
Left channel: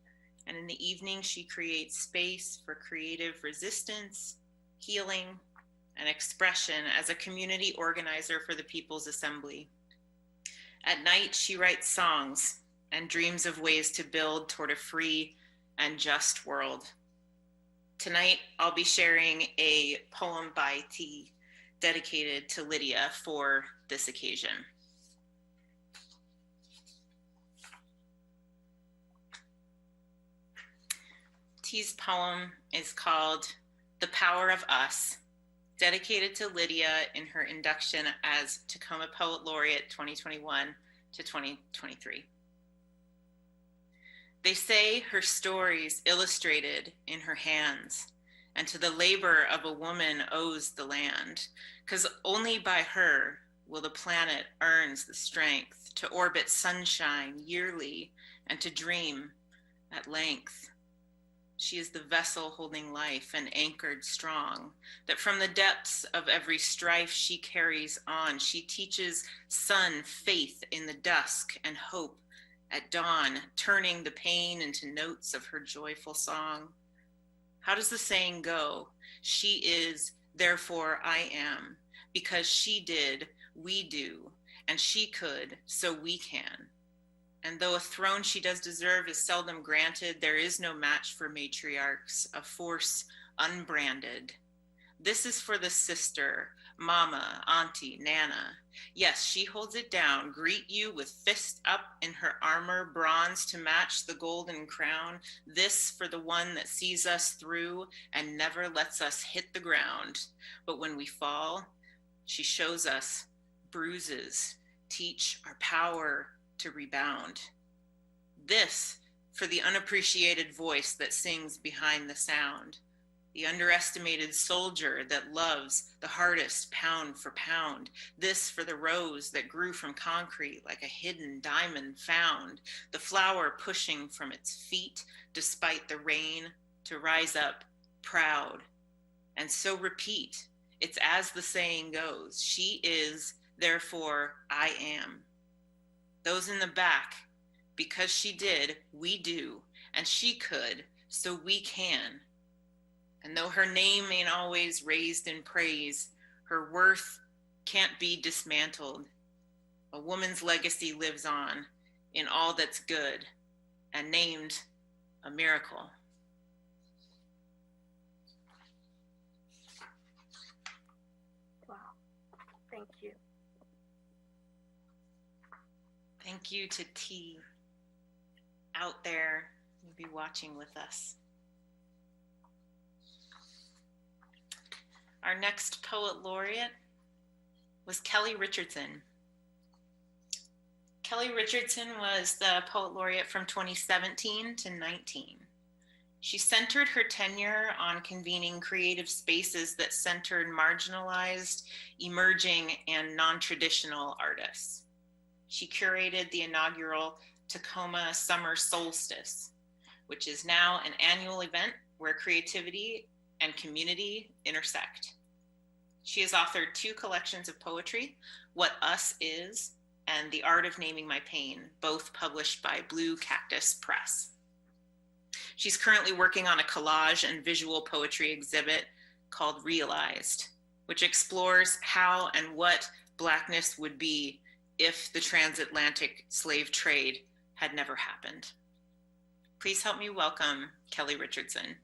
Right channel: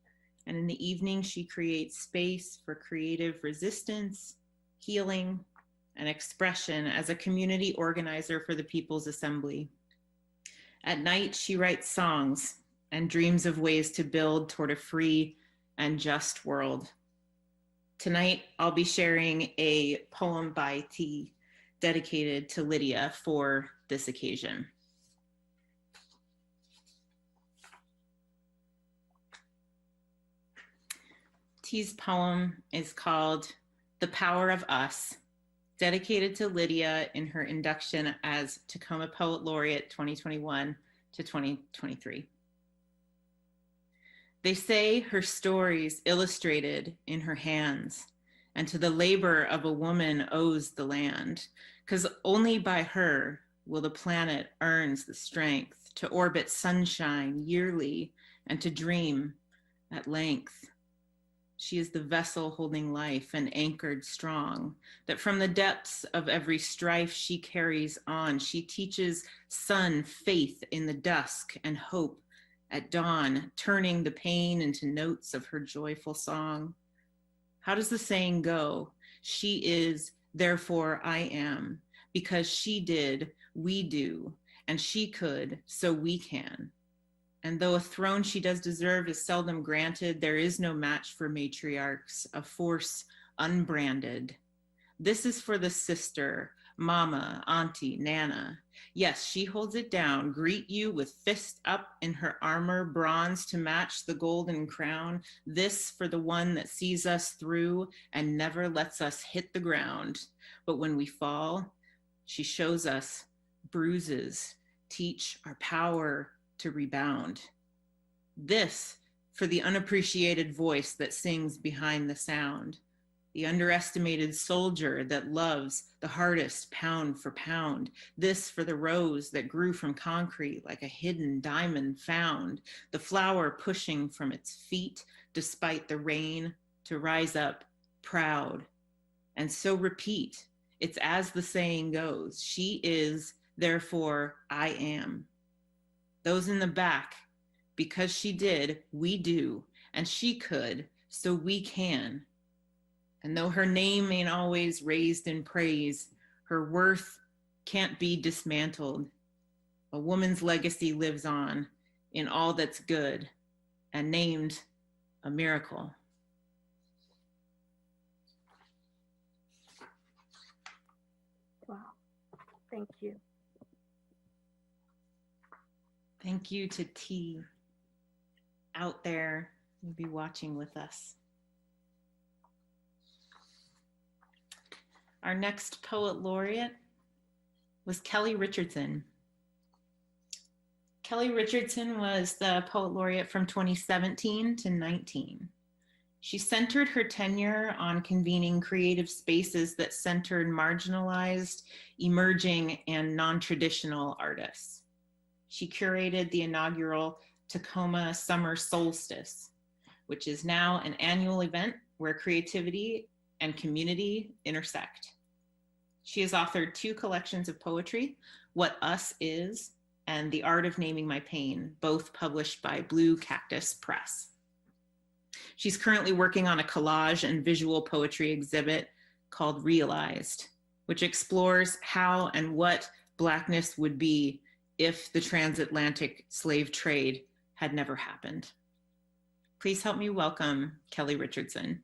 and in the evening, she creates space for creative resistance, healing, and expression as a community organizer for the People's Assembly. At night, she writes songs and dreams of ways to build toward a free and just world. Tonight, I'll be sharing a poem by T dedicated to Lydia for this occasion. T's poem is called The Power of Us, dedicated to Lydia in her induction as Tacoma Poet Laureate 2021 to 2023. They say her stories illustrated in her hands, and to the labor of a woman owes the land, 'cause only by her will the planet earns the strength to orbit sunshine yearly and to dream at length. She is the vessel holding life and anchored strong, that from the depths of every strife she carries on. She teaches sun faith in the dusk and hope at dawn, turning the pain into notes of her joyful song. How does the saying go? She is, therefore I am. Because she did, we do. And she could, so we can. And though a throne she does deserve is seldom granted, there is no match for matriarchs, a force unbranded. This is for the sister, mama, auntie, nana. Yes, she holds it down, greet you with fist up in her armor, bronze to match the golden crown. This for the one that sees us through and never lets us hit the ground. But when we fall, she shows us bruises, teach our power to rebound. This for the unappreciated voice that sings behind the sound. the underestimated soldier that loves the hardest pound for pound. This for the rose that grew from concrete like a hidden diamond found, the flower pushing from its feet despite the rain to rise up proud. And so repeat. It's as the saying goes, she is, therefore I am. Those in the back, because she did, we do, and she could, so we can. And though her name ain't always raised in praise, her worth can't be dismantled. A woman's legacy lives on in all that's good and named a miracle. Wow. Thank you. Thank you to T out there who'll be watching with us. Our next poet laureate was Kelly Richardson. Kelly Richardson was the poet laureate from 2017 to 19. She centered her tenure on convening creative spaces that centered marginalized, emerging, and non-traditional artists. She curated the inaugural Tacoma Summer Solstice, which is now an annual event where creativity and community intersect. She has authored 2 collections of poetry, What Us Is and The Art of Naming My Pain, both published by Blue Cactus Press. She's currently working on a collage and visual poetry exhibit called Realized, which explores how and what Blackness would be if the transatlantic slave trade had never happened. Please help me welcome Kelly Richardson.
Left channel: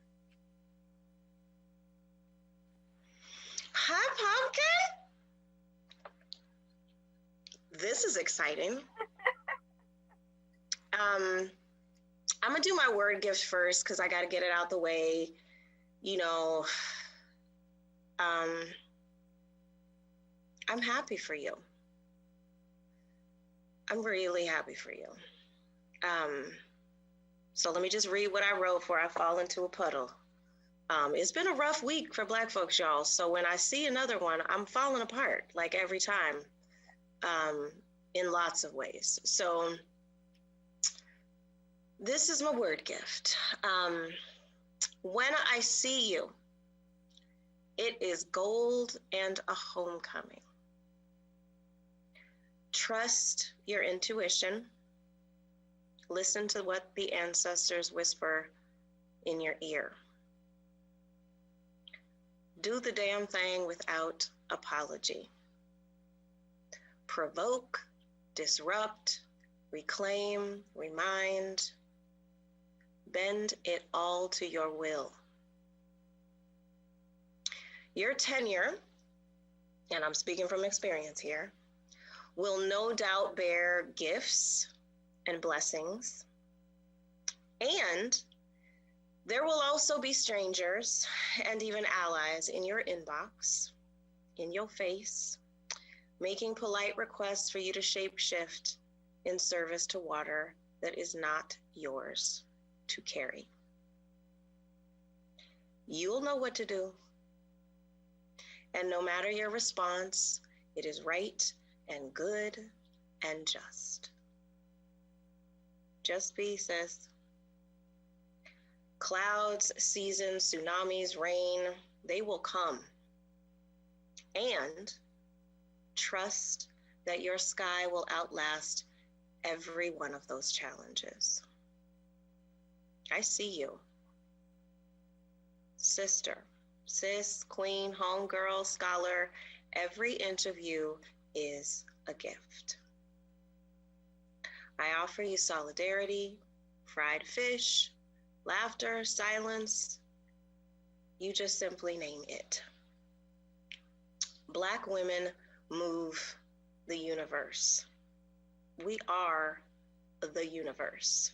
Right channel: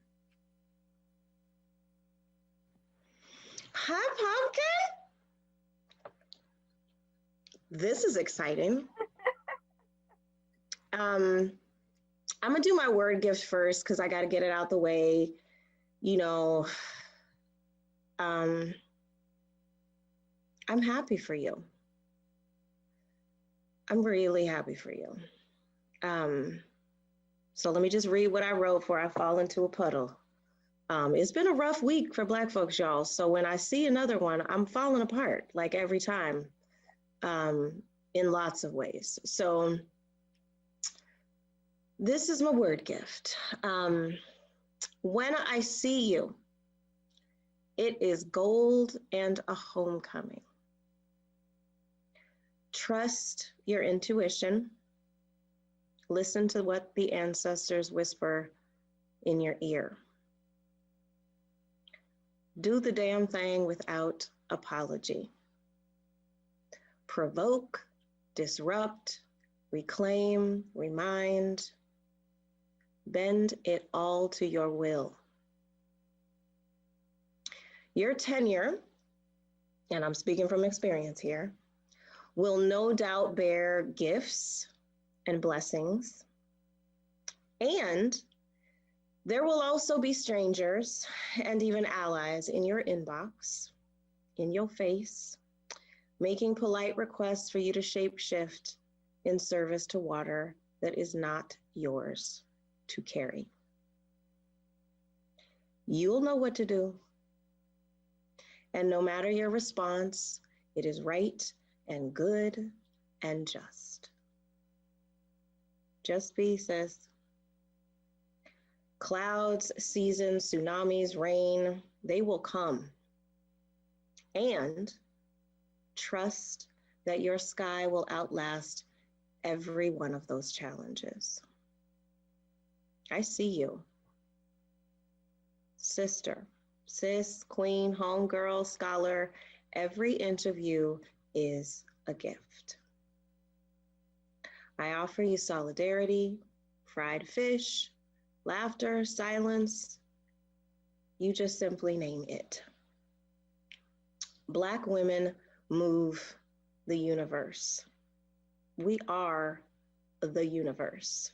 Hi, Pumpkin. This is exciting. I'm gonna do my word gift first because I gotta get it out the way. You know, I'm happy for you. I'm really happy for you. So let me just read what I wrote before I fall into a puddle. It's been a rough week for Black folks, y'all. So when I see another one, I'm falling apart like every time, in lots of ways. So this is my word gift. When I see you, it is gold and a homecoming. Trust your intuition. Listen to what the ancestors whisper in your ear. Do the damn thing without apology. Provoke, disrupt, reclaim, remind. Bend it all to your will. Your tenure, and I'm speaking from experience here, will no doubt bear gifts and blessings. And there will also be strangers and even allies in your inbox, in your face, making polite requests for you to shapeshift in service to water that is not yours to carry. You'll know what to do. And no matter your response, it is right and good and just. Just be, sis. Clouds, seasons, tsunamis, rain, they will come. And trust that your sky will outlast every one of those challenges. I see you. Sister, sis, queen, homegirl, scholar, every inch of you is a gift. I offer you solidarity, fried fish, laughter, silence. You just simply name it. Black women move the universe. We are the universe.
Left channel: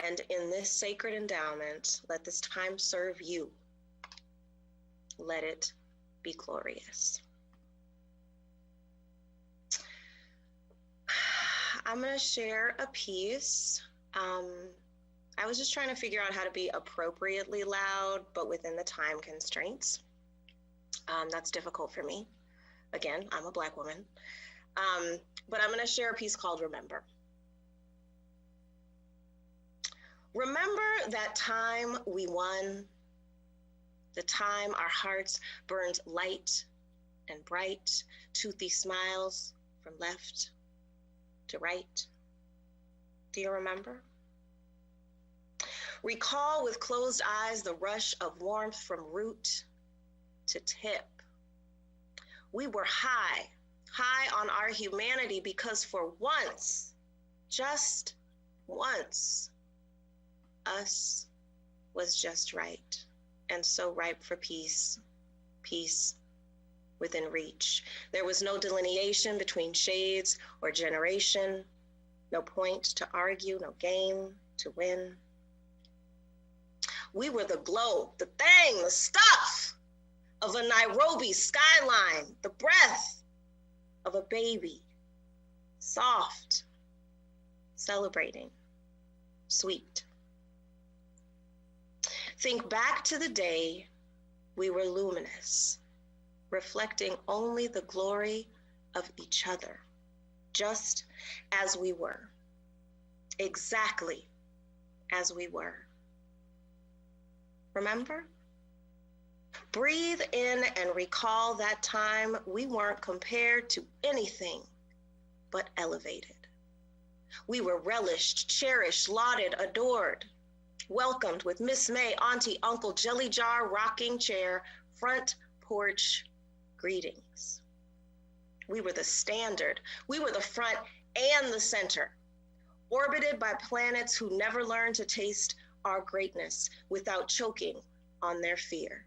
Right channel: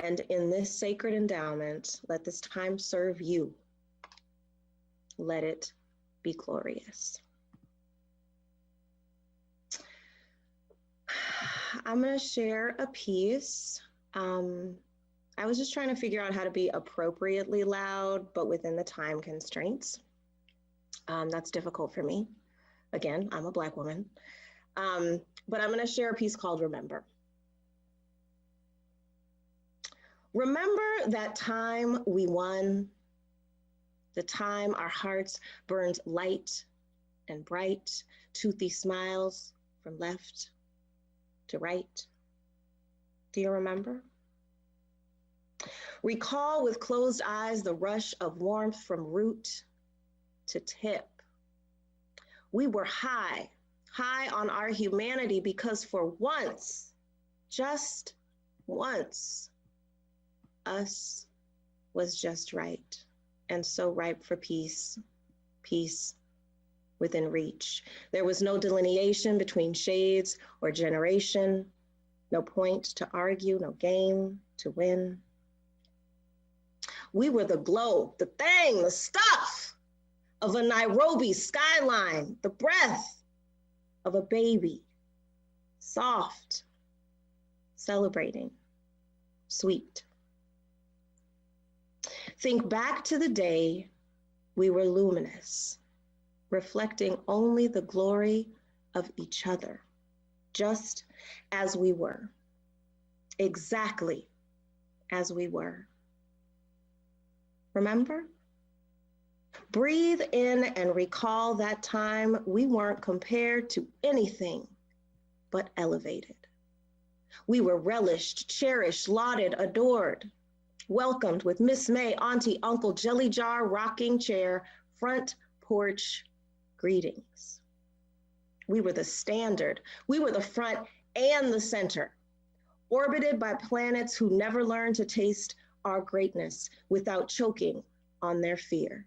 And in this sacred endowment, let this time serve you. Let it be glorious. I'm going to share a piece I was just trying to figure out how to be appropriately loud, but within the time constraints. That's difficult for me. Again, I'm a Black woman. But I'm gonna share a piece called Remember. Remember that time we won, the time our hearts burned light and bright, toothy smiles from left to right. Do you remember? Recall with closed eyes the rush of warmth from root to tip. We were high on our humanity because for once, just once, us was just right and so ripe for peace, peace within reach. There was no delineation between shades or generation, no point to argue, no game to win. We were the glow, the thing, the stuff of a Nairobi skyline, the breath of a baby, soft, celebrating, sweet. Think back to the day we were luminous, reflecting only the glory of each other, just as we were, exactly as we were. Remember? Breathe in and recall that time we weren't compared to anything but elevated. We were relished, cherished, lauded, adored, welcomed with Miss May, Auntie, Uncle, Jelly Jar, rocking chair, front porch greetings. We were the standard. We were the front and the center, orbited by planets who never learned to taste our greatness without choking on their fear.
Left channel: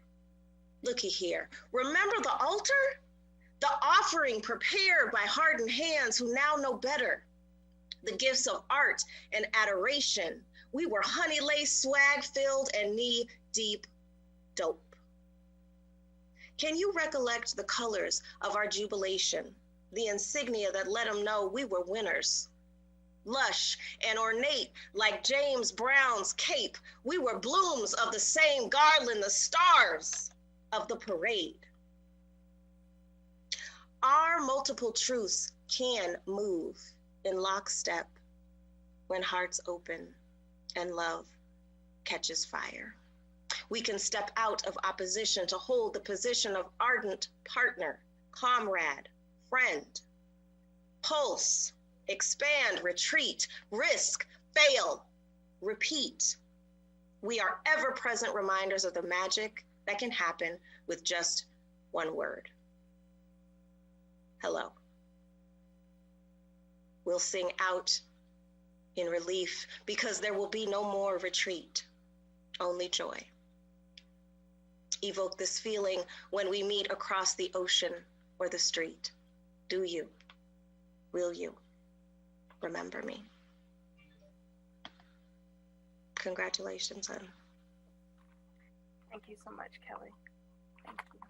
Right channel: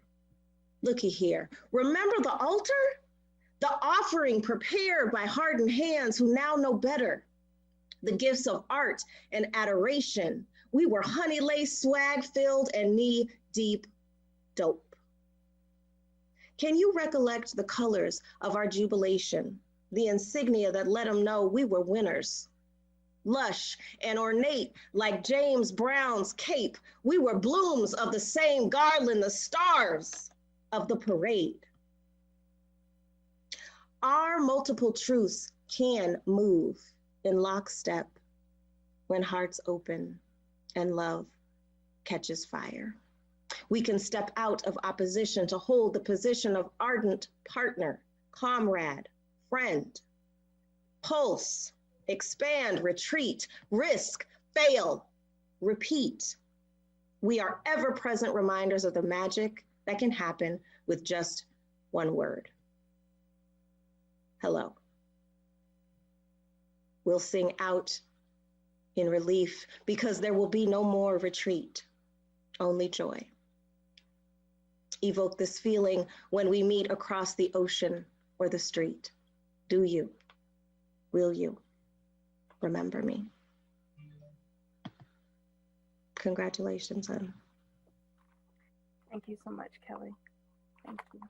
Looky here, remember the altar? The offering prepared by hardened hands who now know better. The gifts of art and adoration. We were honey-laced, swag-filled, and knee-deep dope. Can you recollect the colors of our jubilation, the insignia that let them know we were winners? Lush and ornate like James Brown's cape, we were blooms of the same garland, the stars of the parade. Our multiple truths can move in lockstep when hearts open and love catches fire. We can step out of opposition to hold the position of ardent partner, comrade, friend. Pulse, expand, retreat, risk, fail, repeat. We are ever-present reminders of the magic that can happen with just one word. Hello. We'll sing out in relief because there will be no more retreat, only joy. Evoke this feeling when we meet across the ocean or the street. Do you? Will you remember me? Congratulations, hon. Thank you so much, Kelly. Thank you.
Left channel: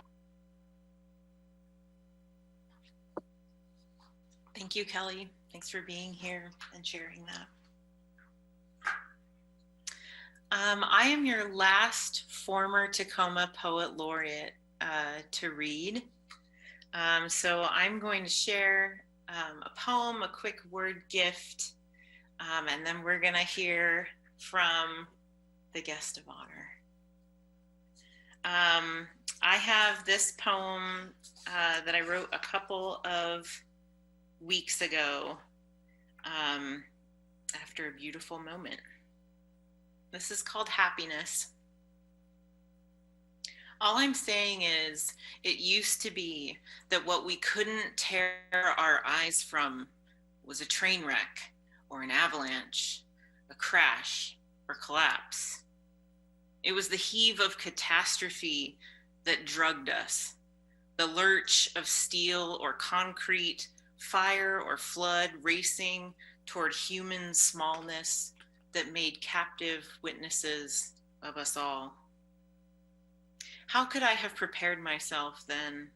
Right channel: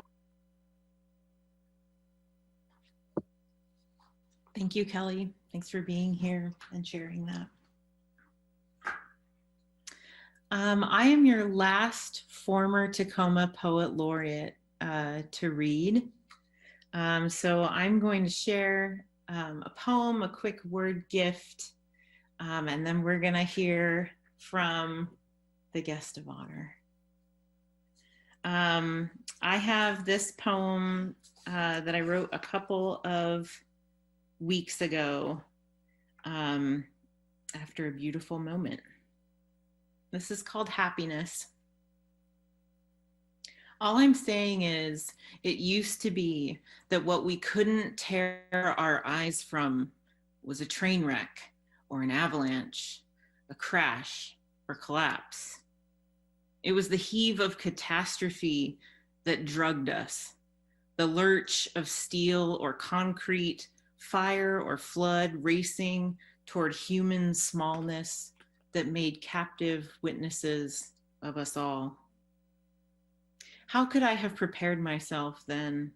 Thank you, Kelly. Thanks for being here and sharing that. I am your last former Tacoma Poet Laureate to read. So I'm going to share a poem, a quick word gift, and then we're gonna hear from the guest of honor. I have this poem that I wrote a couple of weeks ago after a beautiful moment. This is called Happiness. All I'm saying is, it used to be that what we couldn't tear our eyes from was a train wreck or an avalanche, a crash or collapse. It was the heave of catastrophe that drugged us, the lurch of steel or concrete, fire or flood racing toward human smallness that made captive witnesses of us all. How could I have prepared myself then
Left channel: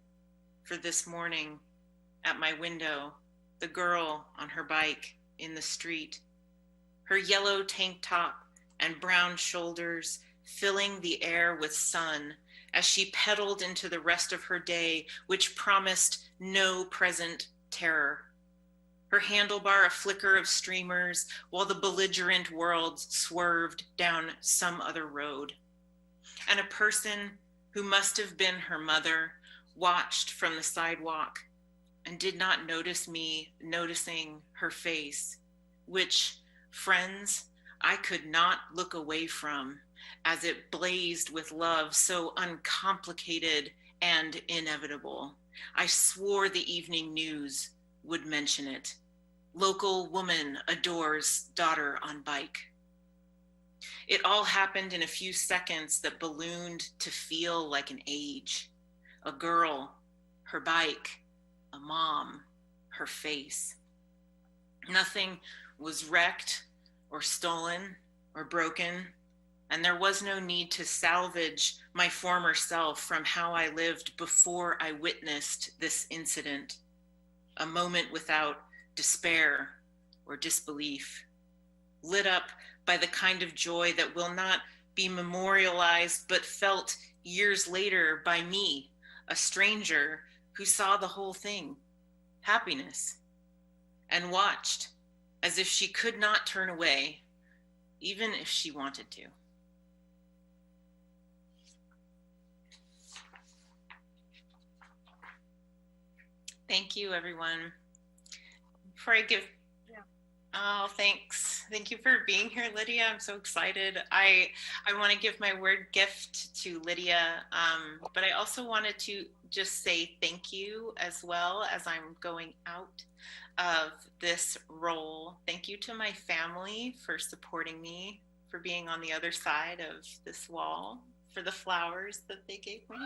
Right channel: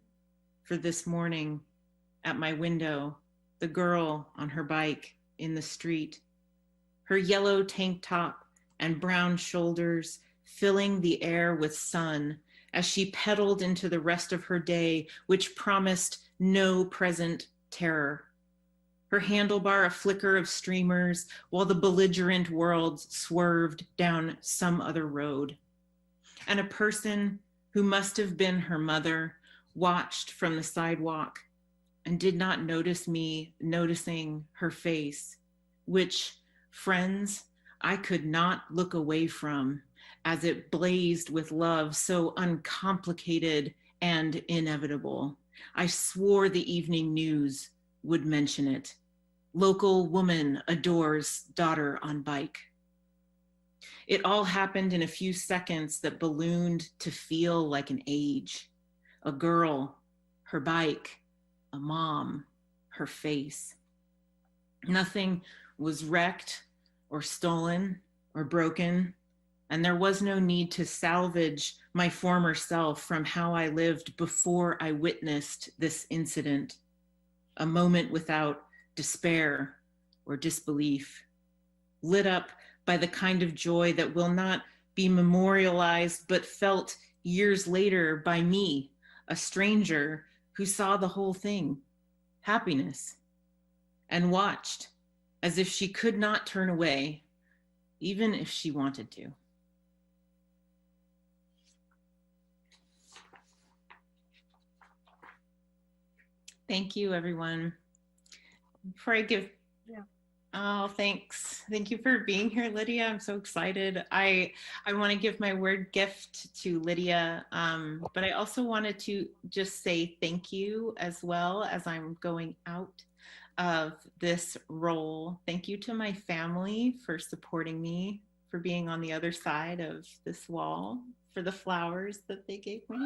for this morning at my window, the girl on her bike in the street, her yellow tank top and brown shoulders filling the air with sun as she pedaled into the rest of her day, which promised no present terror. Her handlebar a flicker of streamers while the belligerent worlds swerved down some other road. And a person who must have been her mother watched from the sidewalk and did not notice me noticing her face, which, friends, I could not look away from as it blazed with love so uncomplicated and inevitable. I swore the evening news would mention it. Local woman adores daughter on bike. It all happened in a few seconds that ballooned to feel like an age. A girl, her bike, a mom, her face. Nothing was wrecked or stolen or broken, and there was no need to salvage my former self from how I lived before I witnessed this incident. A moment without despair or disbelief, lit up by the kind of joy that will not be memorialized but felt years later by me, a stranger who saw the whole thing, happiness, and watched as if she could not turn away, even if she wanted to. Thank you, everyone. Before I give, oh, thanks. Thank you for being here, Lydia. I'm so excited. I want to give my word gift to Lydia, but I also wanted to just say thank you as well as I'm going out of this role. Thank you to my family for supporting me, for being on the other side of this wall, for the flowers that they gave me.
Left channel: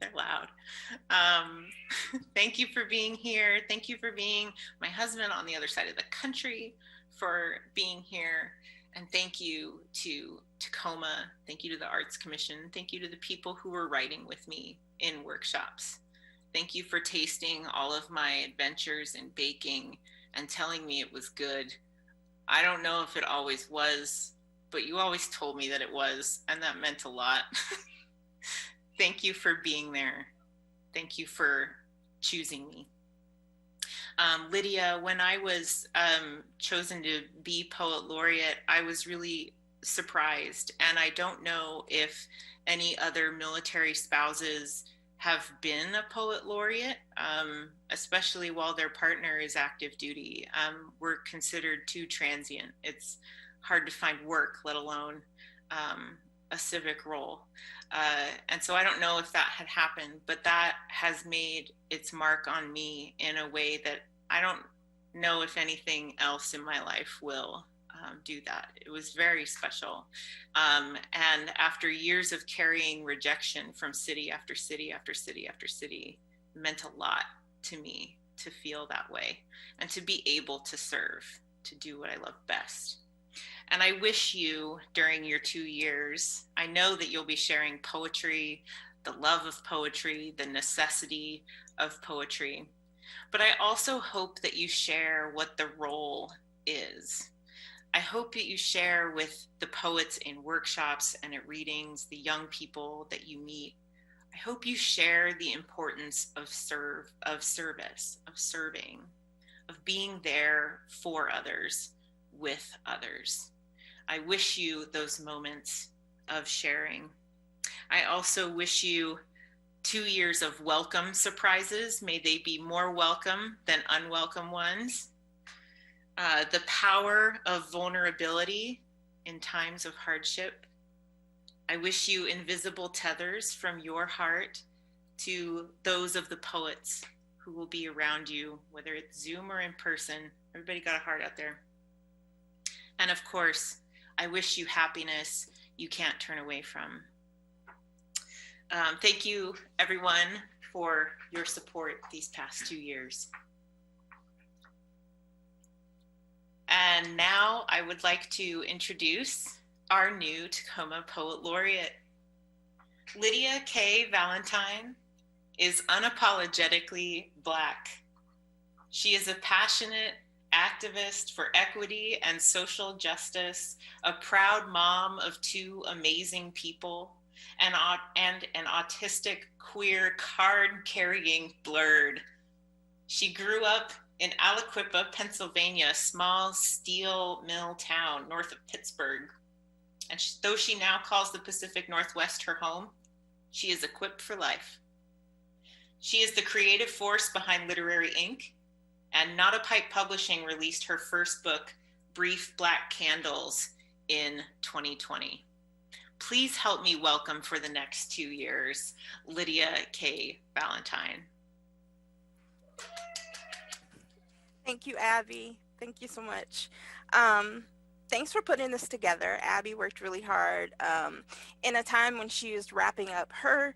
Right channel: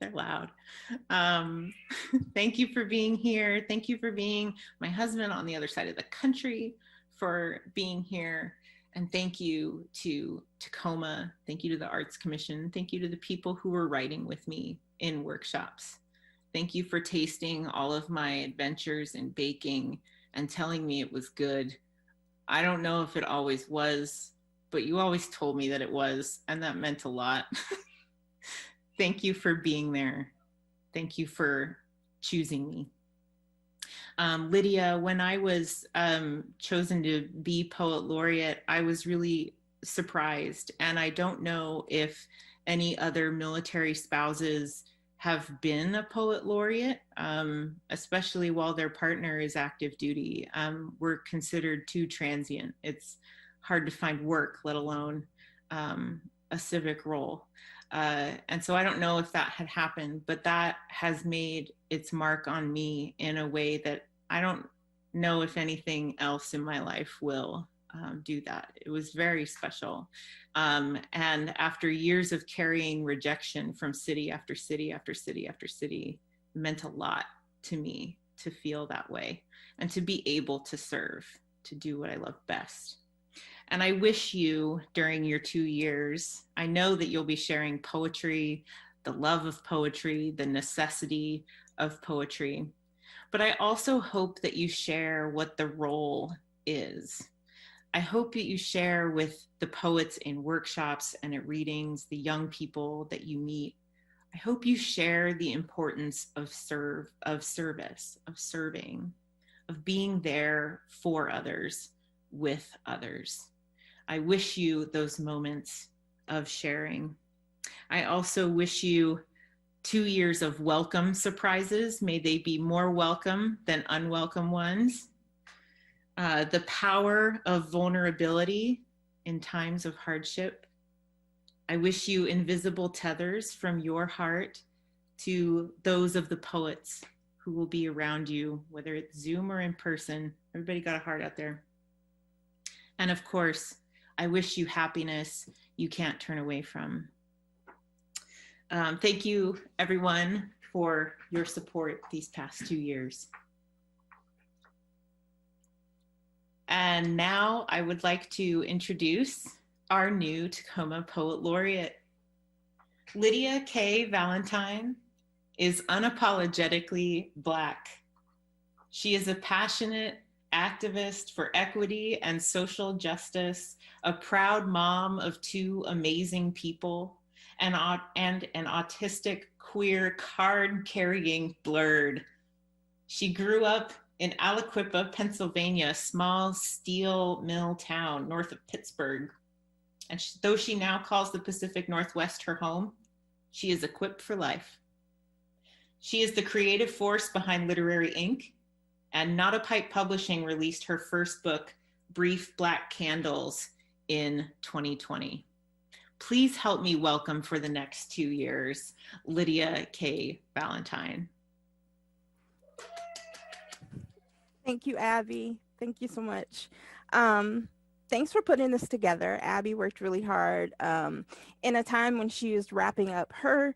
They're loud. Thank you for being here. Thank you for being my husband on the other side of the country, for being here. And thank you to Tacoma. Thank you to the Arts Commission. Thank you to the people who were writing with me in workshops. Thank you for tasting all of my adventures in baking and telling me it was good. I don't know if it always was, but you always told me that it was, and that meant a lot. Thank you for being there. Thank you for choosing me. Lydia, when I was chosen to be Poet Laureate, I was really surprised. And I don't know if any other military spouses have been a Poet Laureate, especially while their partner is active duty. We're considered too transient. It's hard to find work, let alone a civic role. And so I don't know if that had happened, but that has made its mark on me in a way that I don't know if anything else in my life will do that. It was very special. And after years of carrying rejection from city after city after city after city, it meant a lot to me to feel that way and to be able to serve, to do what I love best. And I wish you, during your 2 years, I know that you'll be sharing poetry, the love of poetry, the necessity of poetry. But I also hope that you share what the role is. I hope that you share with the poets in workshops and at readings, the young people that you meet. I hope you share the importance of service, of serving, of being there for others, with others. I wish you those moments of sharing. I also wish you 2 years of welcome surprises. May they be more welcome than unwelcome ones. The power of vulnerability in times of hardship. I wish you invisible tethers from your heart to those of the poets who will be around you, whether it's Zoom or in person. Everybody got a heart out there. And of course, I wish you happiness you can't turn away from. Thank you, everyone, for your support these past 2 years. And now I would like to introduce our new Tacoma Poet Laureate. Lydia K. Valentine is unapologetically Black. She is a passionate activist for equity and social justice, a proud mom of two amazing people, and an autistic, queer, card-carrying blurred. She grew up in Aliquippa, Pennsylvania, a small steel mill town north of Pittsburgh. And though she now calls the Pacific Northwest her home, she is equipped for life. She is the creative force behind Literary Inc., and Not a Pipe Publishing released her first book, Brief Black Candles, in 2020. Please help me welcome for the next 2 years, Lydia K. Valentine. Thank you, Abby. Thank you so much. Thanks for putting this together. Abby worked really hard in a time when she was wrapping up her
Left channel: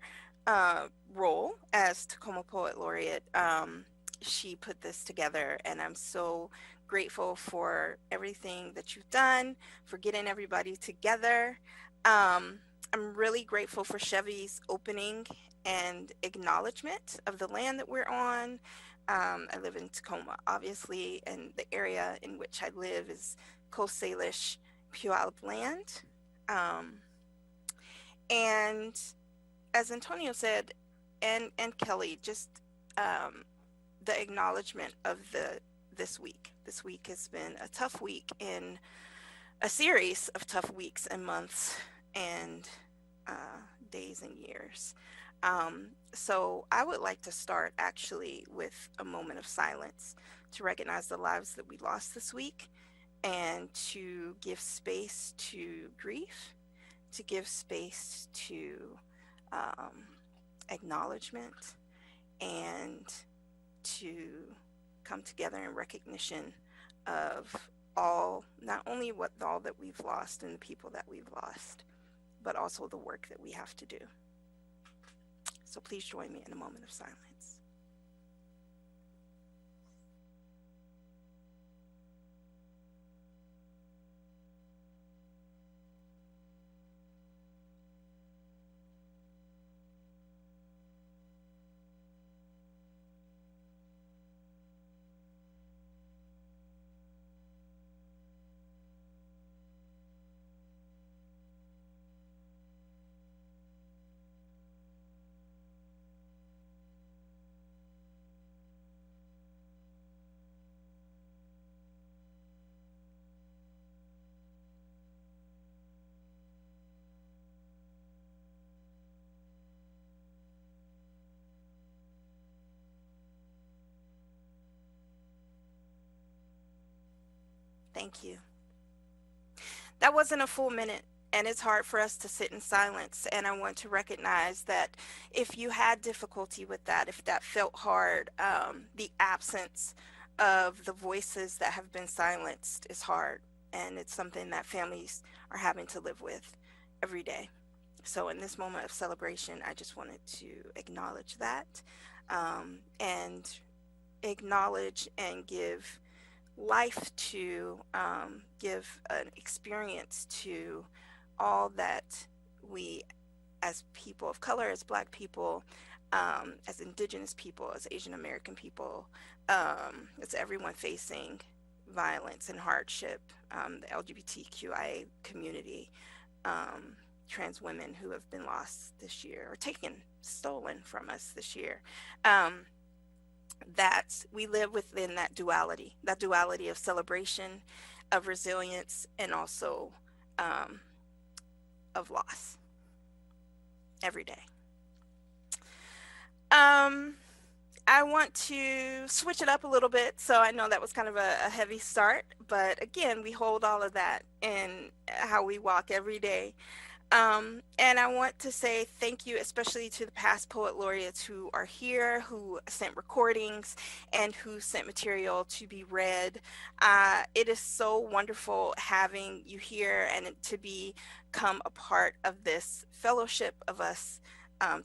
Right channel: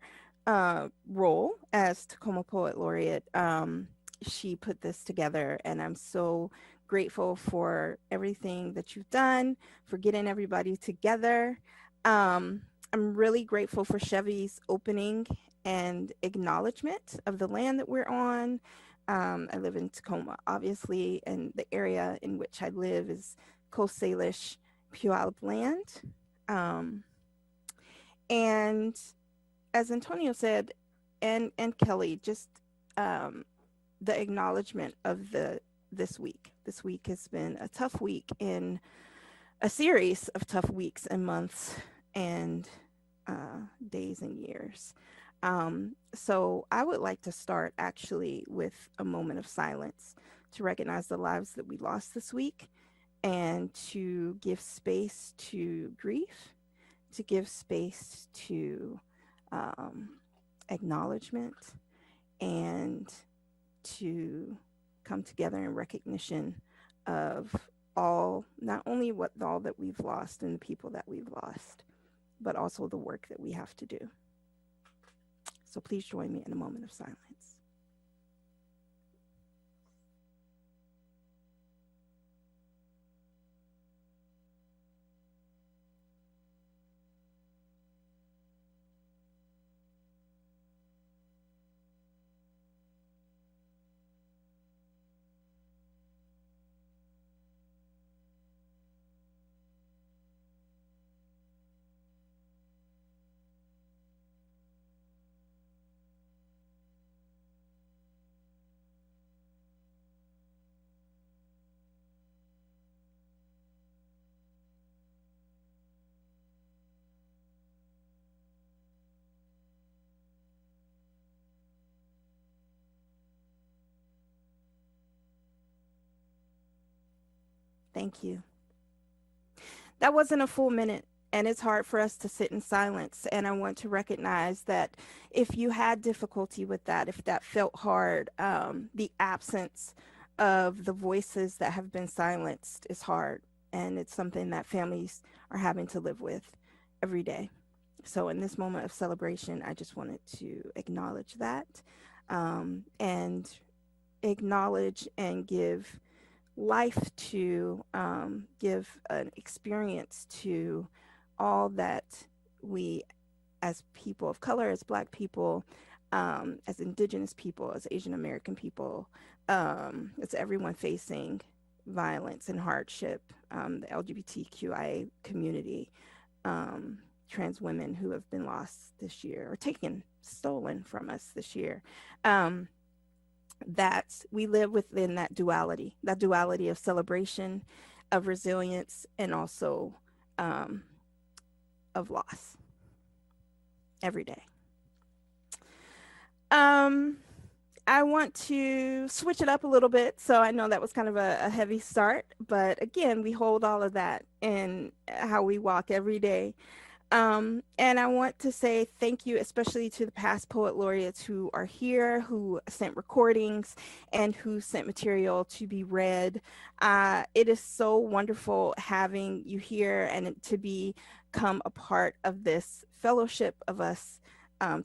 role as Tacoma Poet Laureate. She put this together, and I'm so grateful for everything that you've done, for getting everybody together. I'm really grateful for Chevy's opening and acknowledgement of the land that we're on. I live in Tacoma, obviously, and the area in which I live is Coast Salish Puyallup land. And as Antonio said, and Kelly, just the acknowledgement of this week. This week has been a tough week in a series of tough weeks and months and days and years. So I would like to start actually with a moment of silence to recognize the lives that we lost this week and to give space to grief, to give space to acknowledgement, and to come together in recognition of all, not only all that we've lost and the people that we've lost, but also the work that we have to do. So please join me in a moment of silence. Thank you. That wasn't a full minute, and it's hard for us to sit in silence. And I want to recognize that if you had difficulty with that, if that felt hard, the absence of the voices that have been silenced is hard. And it's something that families are having to live with every day. So in this moment of celebration, I just wanted to acknowledge that and acknowledge and give life to, give an experience to all that we as people of color, as Black people, as Indigenous people, as Asian American people, as everyone facing violence and hardship, the LGBTQIA community, trans women who have been lost this year or stolen from us this year. That we live within that duality of celebration, of resilience, and also of loss every day. I want to switch it up a little bit. So I know that was kind of a heavy start, but again, we hold all of that in how we walk every day. And I want to say thank you, especially to the past poet laureates who are here, who sent recordings and who sent material to be read. It is so wonderful having you here and to become a part of this fellowship of us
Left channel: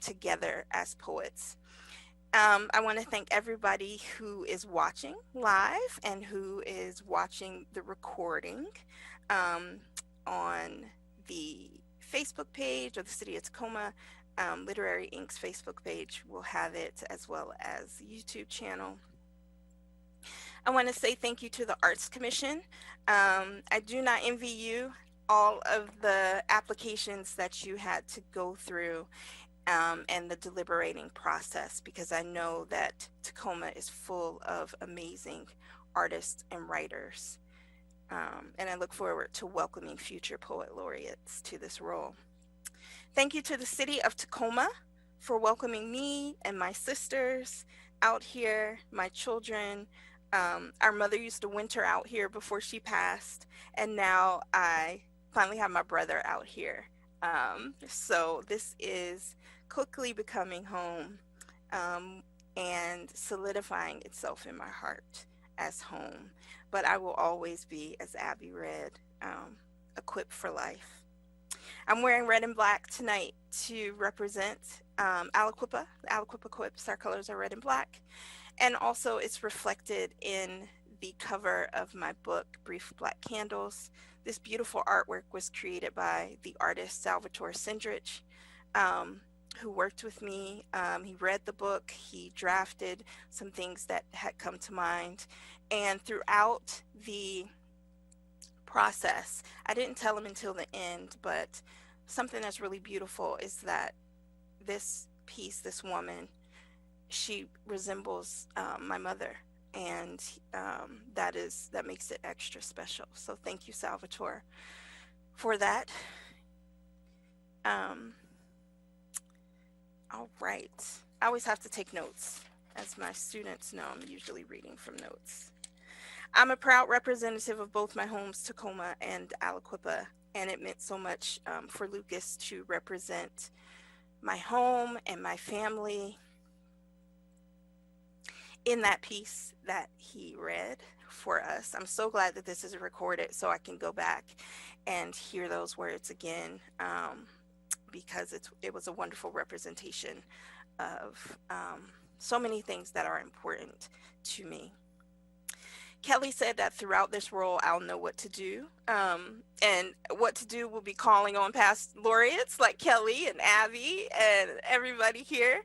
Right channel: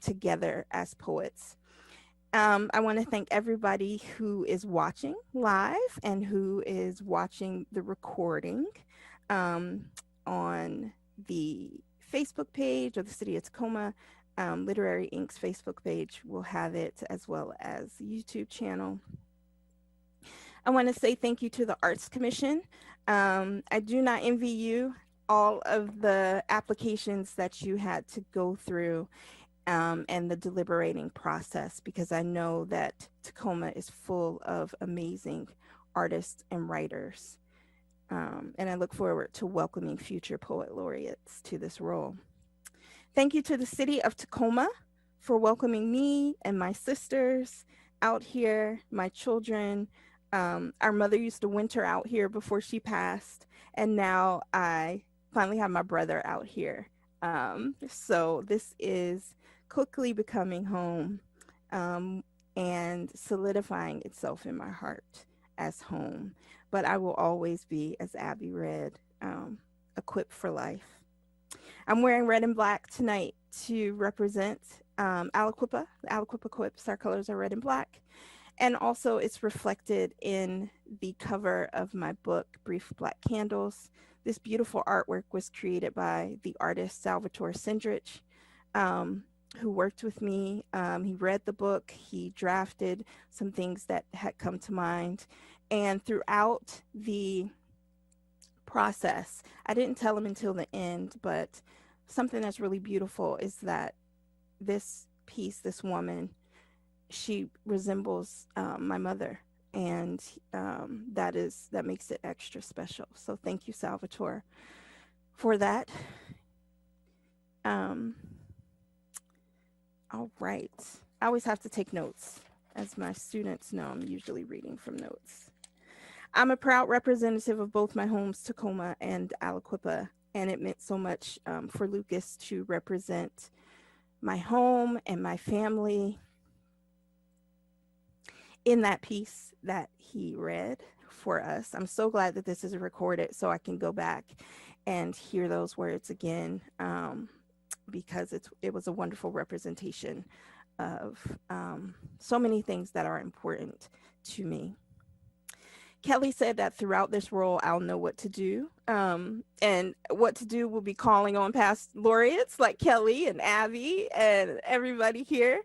together as poets. I want to thank everybody who is watching live and who is watching the recording on the Facebook page or the City of Tacoma Literary Inc.'s Facebook page will have it, as well as the YouTube channel. I want to say thank you to the Arts Commission. I do not envy you all of the applications that you had to go through and the deliberating process, because I know that Tacoma is full of amazing artists and writers. And I look forward to welcoming future poet laureates to this role. Thank you to the city of Tacoma for welcoming me and my sisters out here, my children. Our mother used to winter out here before she passed, and now I finally have my brother out here. So this is quickly becoming home and solidifying itself in my heart as home. But I will always be, as Abby read, equipped for life. I'm wearing red and black tonight to represent Aliquippa. The Aliquippa quips, our colors are red and black. And also it's reflected in the cover of my book, Brief Black Candles. This beautiful artwork was created by the artist Salvatore Sindrich, who worked with me. He read the book, he drafted some things that had come to mind. And throughout the process, I didn't tell him until the end, but something that's really beautiful is that this piece, this woman, she resembles my mother, and that makes it extra special. So thank you, Salvatore, for that. All right, I always have to take notes. As my students know, I'm usually reading from notes. I'm a proud representative of both my homes, Tacoma and Aliquippa, and it meant so much for Lucas to represent my home and my family in that piece that he read for us. I'm so glad that this is recorded so I can go back and hear those words again, because it was a wonderful representation of so many things that are important to me. Kelly said that throughout this role, I'll know what to do. And what to do will be calling on past laureates like Kelly and Abby and everybody here.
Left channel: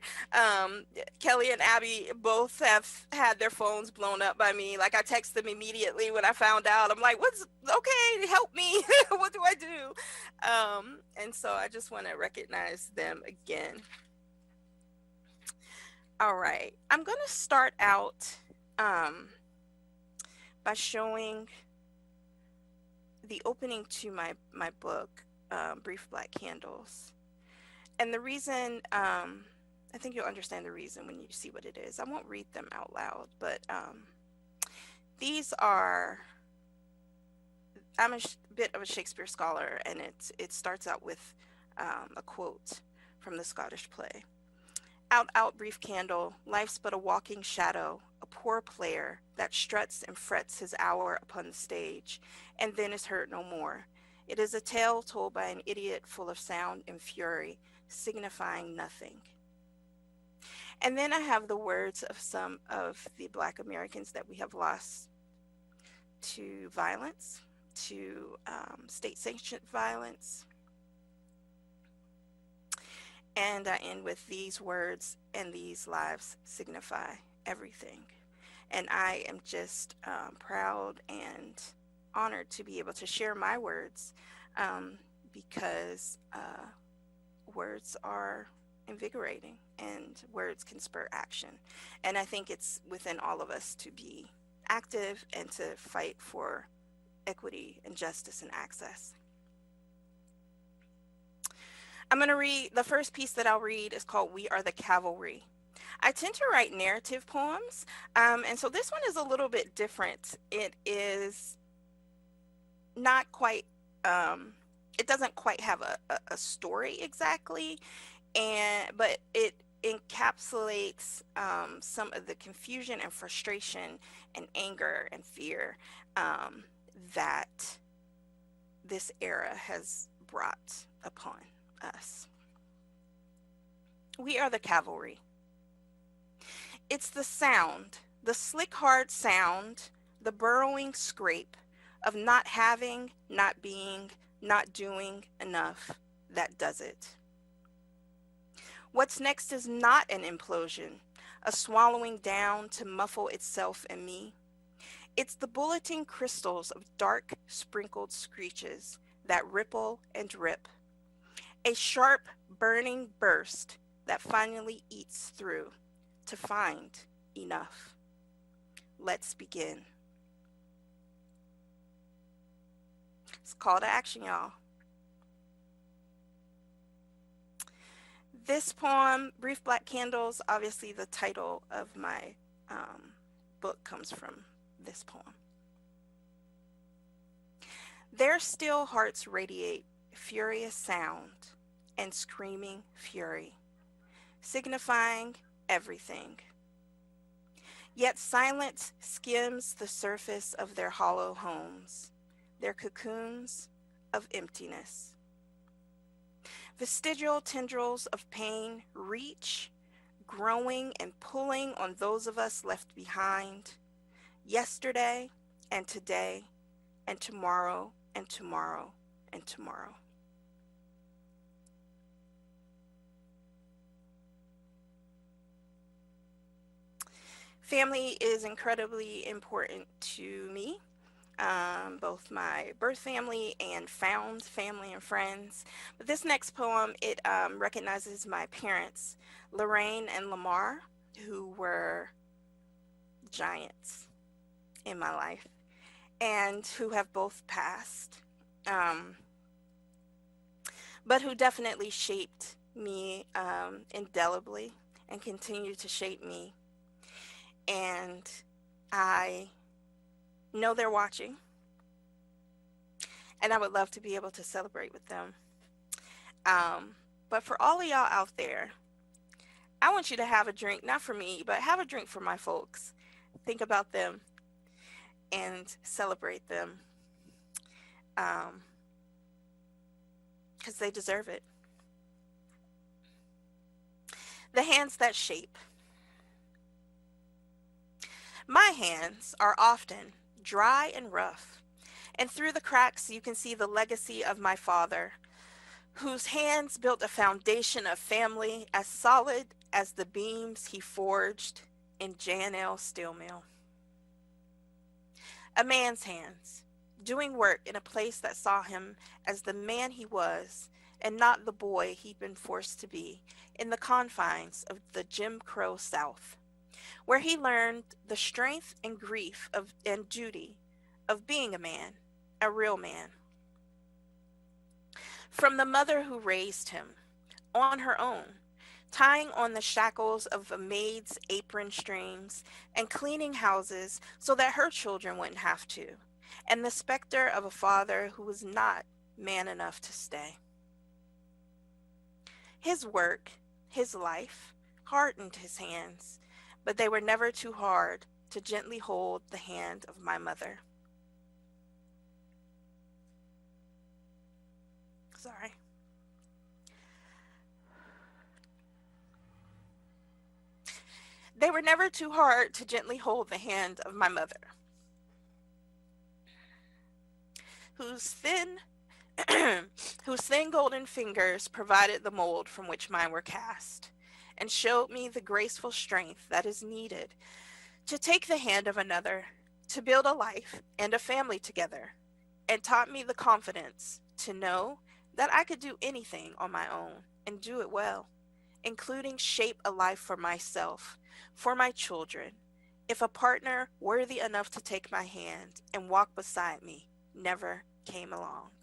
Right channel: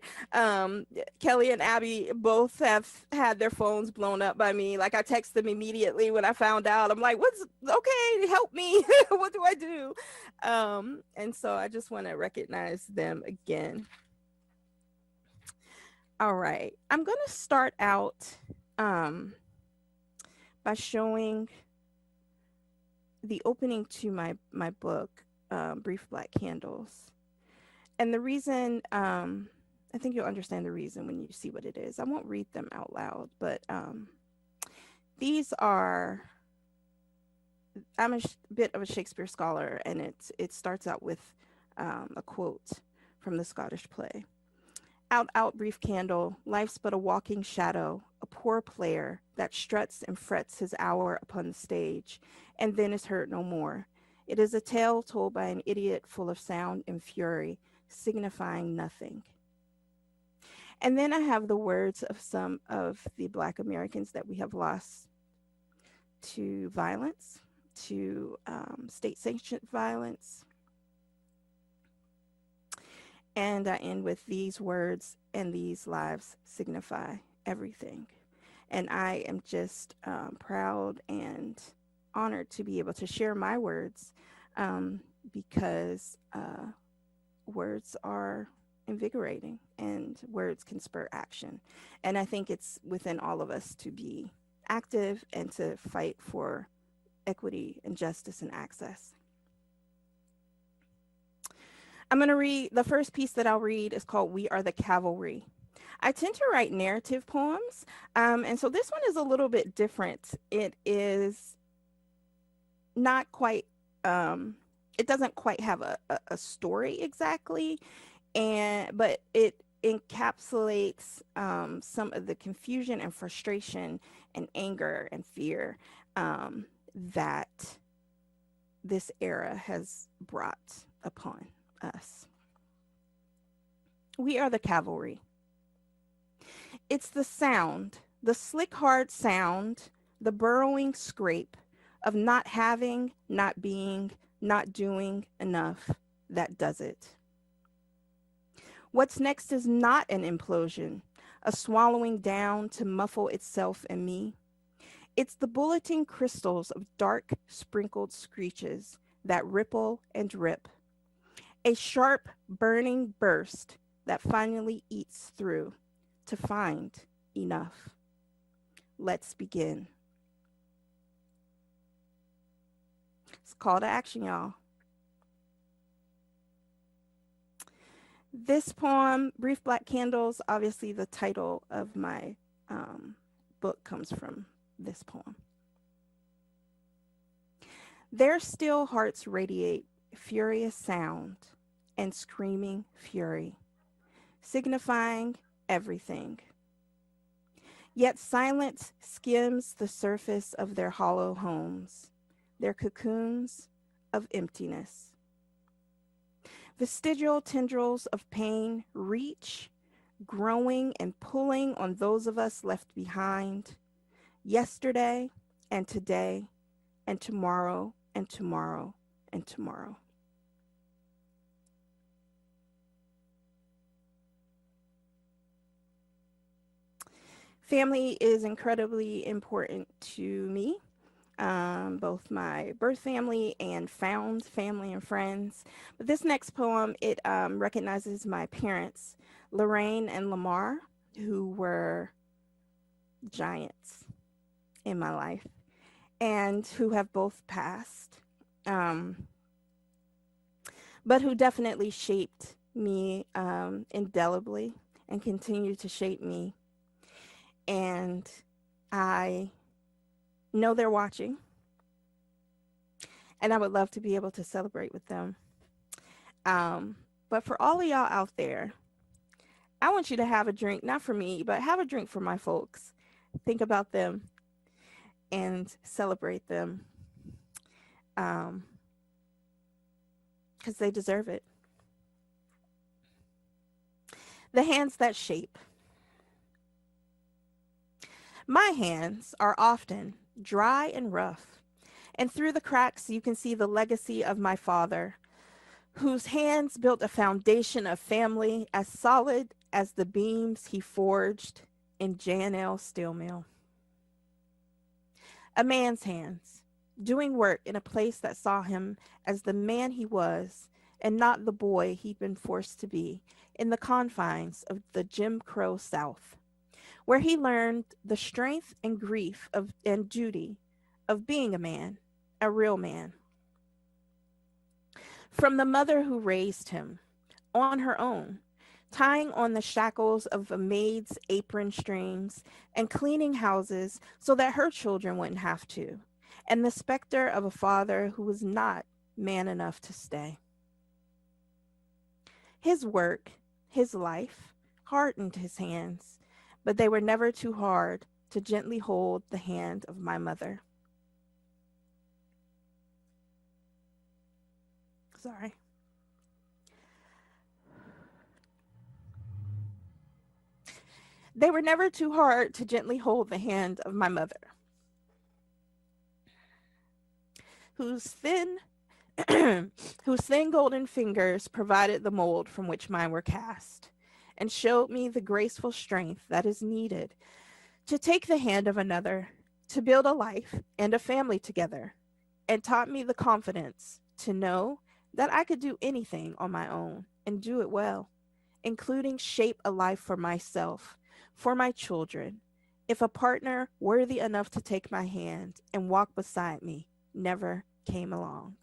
Kelly and Abby both have had their phones blown up by me. Like, I texted them immediately when I found out. I'm like, okay, help me. What do I do? And so I just want to recognize them again. All right, I'm going to start out by showing the opening to my book, Brief Black Candles. And the reason, I think you'll understand the reason when you see what it is. I won't read them out loud, but these are, I'm a bit of a Shakespeare scholar, and it starts out with a quote from the Scottish play. Out, out, brief candle, life's but a walking shadow, a poor player that struts and frets his hour upon the stage, and then is heard no more. It is a tale told by an idiot full of sound and fury, signifying nothing. And then I have the words of some of the Black Americans that we have lost to violence, to state-sanctioned violence. And I end with these words, and these lives signify everything. And I am just proud and honored to be able to share my words, because words are invigorating and words can spur action. And I think it's within all of us to be active and to fight for equity and justice and access. I'm going to read, the first piece that I'll read is called We Are the Cavalry. I tend to write narrative poems, and so this one is a little bit different. It is not quite, it doesn't quite have a story exactly, but it encapsulates some of the confusion and frustration and anger and fear that this era has brought upon us. We are the cavalry. It's the sound, the slick, hard sound, the burrowing scrape of not having, not being, not doing enough that does it. What's next is not an implosion, a swallowing down to muffle itself and me. It's the bulleting crystals of dark sprinkled screeches that ripple and rip. A sharp, burning burst that finally eats through to find enough. Let's begin. It's a call to action, y'all. This poem, Brief Black Candles, obviously the title of my book comes from this poem. Their still hearts radiate furious sound and screaming fury, signifying everything. Yet silence skims the surface of their hollow homes, their cocoons of emptiness. Vestigial tendrils of pain reach, growing and pulling on those of us left behind, yesterday and today and tomorrow and tomorrow and tomorrow. Family is incredibly important to me. Both my birth family and found family and friends. But this next poem, it recognizes my parents, Lorraine and Lamar, who were giants in my life and who have both passed, but who definitely shaped me indelibly and continue to shape me. And I know they're watching, and I would love to be able to celebrate with them. But for all of y'all out there, I want you to have a drink, not for me, but have a drink for my folks. Think about them and celebrate them, because they deserve it. The hands that shape. My hands are often dry and rough, and through the cracks you can see the legacy of my father, whose hands built a foundation of family as solid as the beams he forged in J&L Steel Mill. A man's hands, doing work in a place that saw him as the man he was and not the boy he'd been forced to be in the confines of the Jim Crow South, where he learned the strength and grief and duty of being a man, a real man. From the mother who raised him on her own, tying on the shackles of a maid's apron strings and cleaning houses so that her children wouldn't have to, and the specter of a father who was not man enough to stay. His work, his life, hardened his hands, but they were never too hard to gently hold the hand of my mother. Sorry. They were never too hard to gently hold the hand of my mother, whose thin golden fingers provided the mold from which mine were cast, and showed me the graceful strength that is needed to take the hand of another, to build a life and a family together, and taught me the confidence to know that I could do anything on my own and do it well, including shape a life for myself, for my children, if a partner worthy enough to take my hand and walk beside me never came along.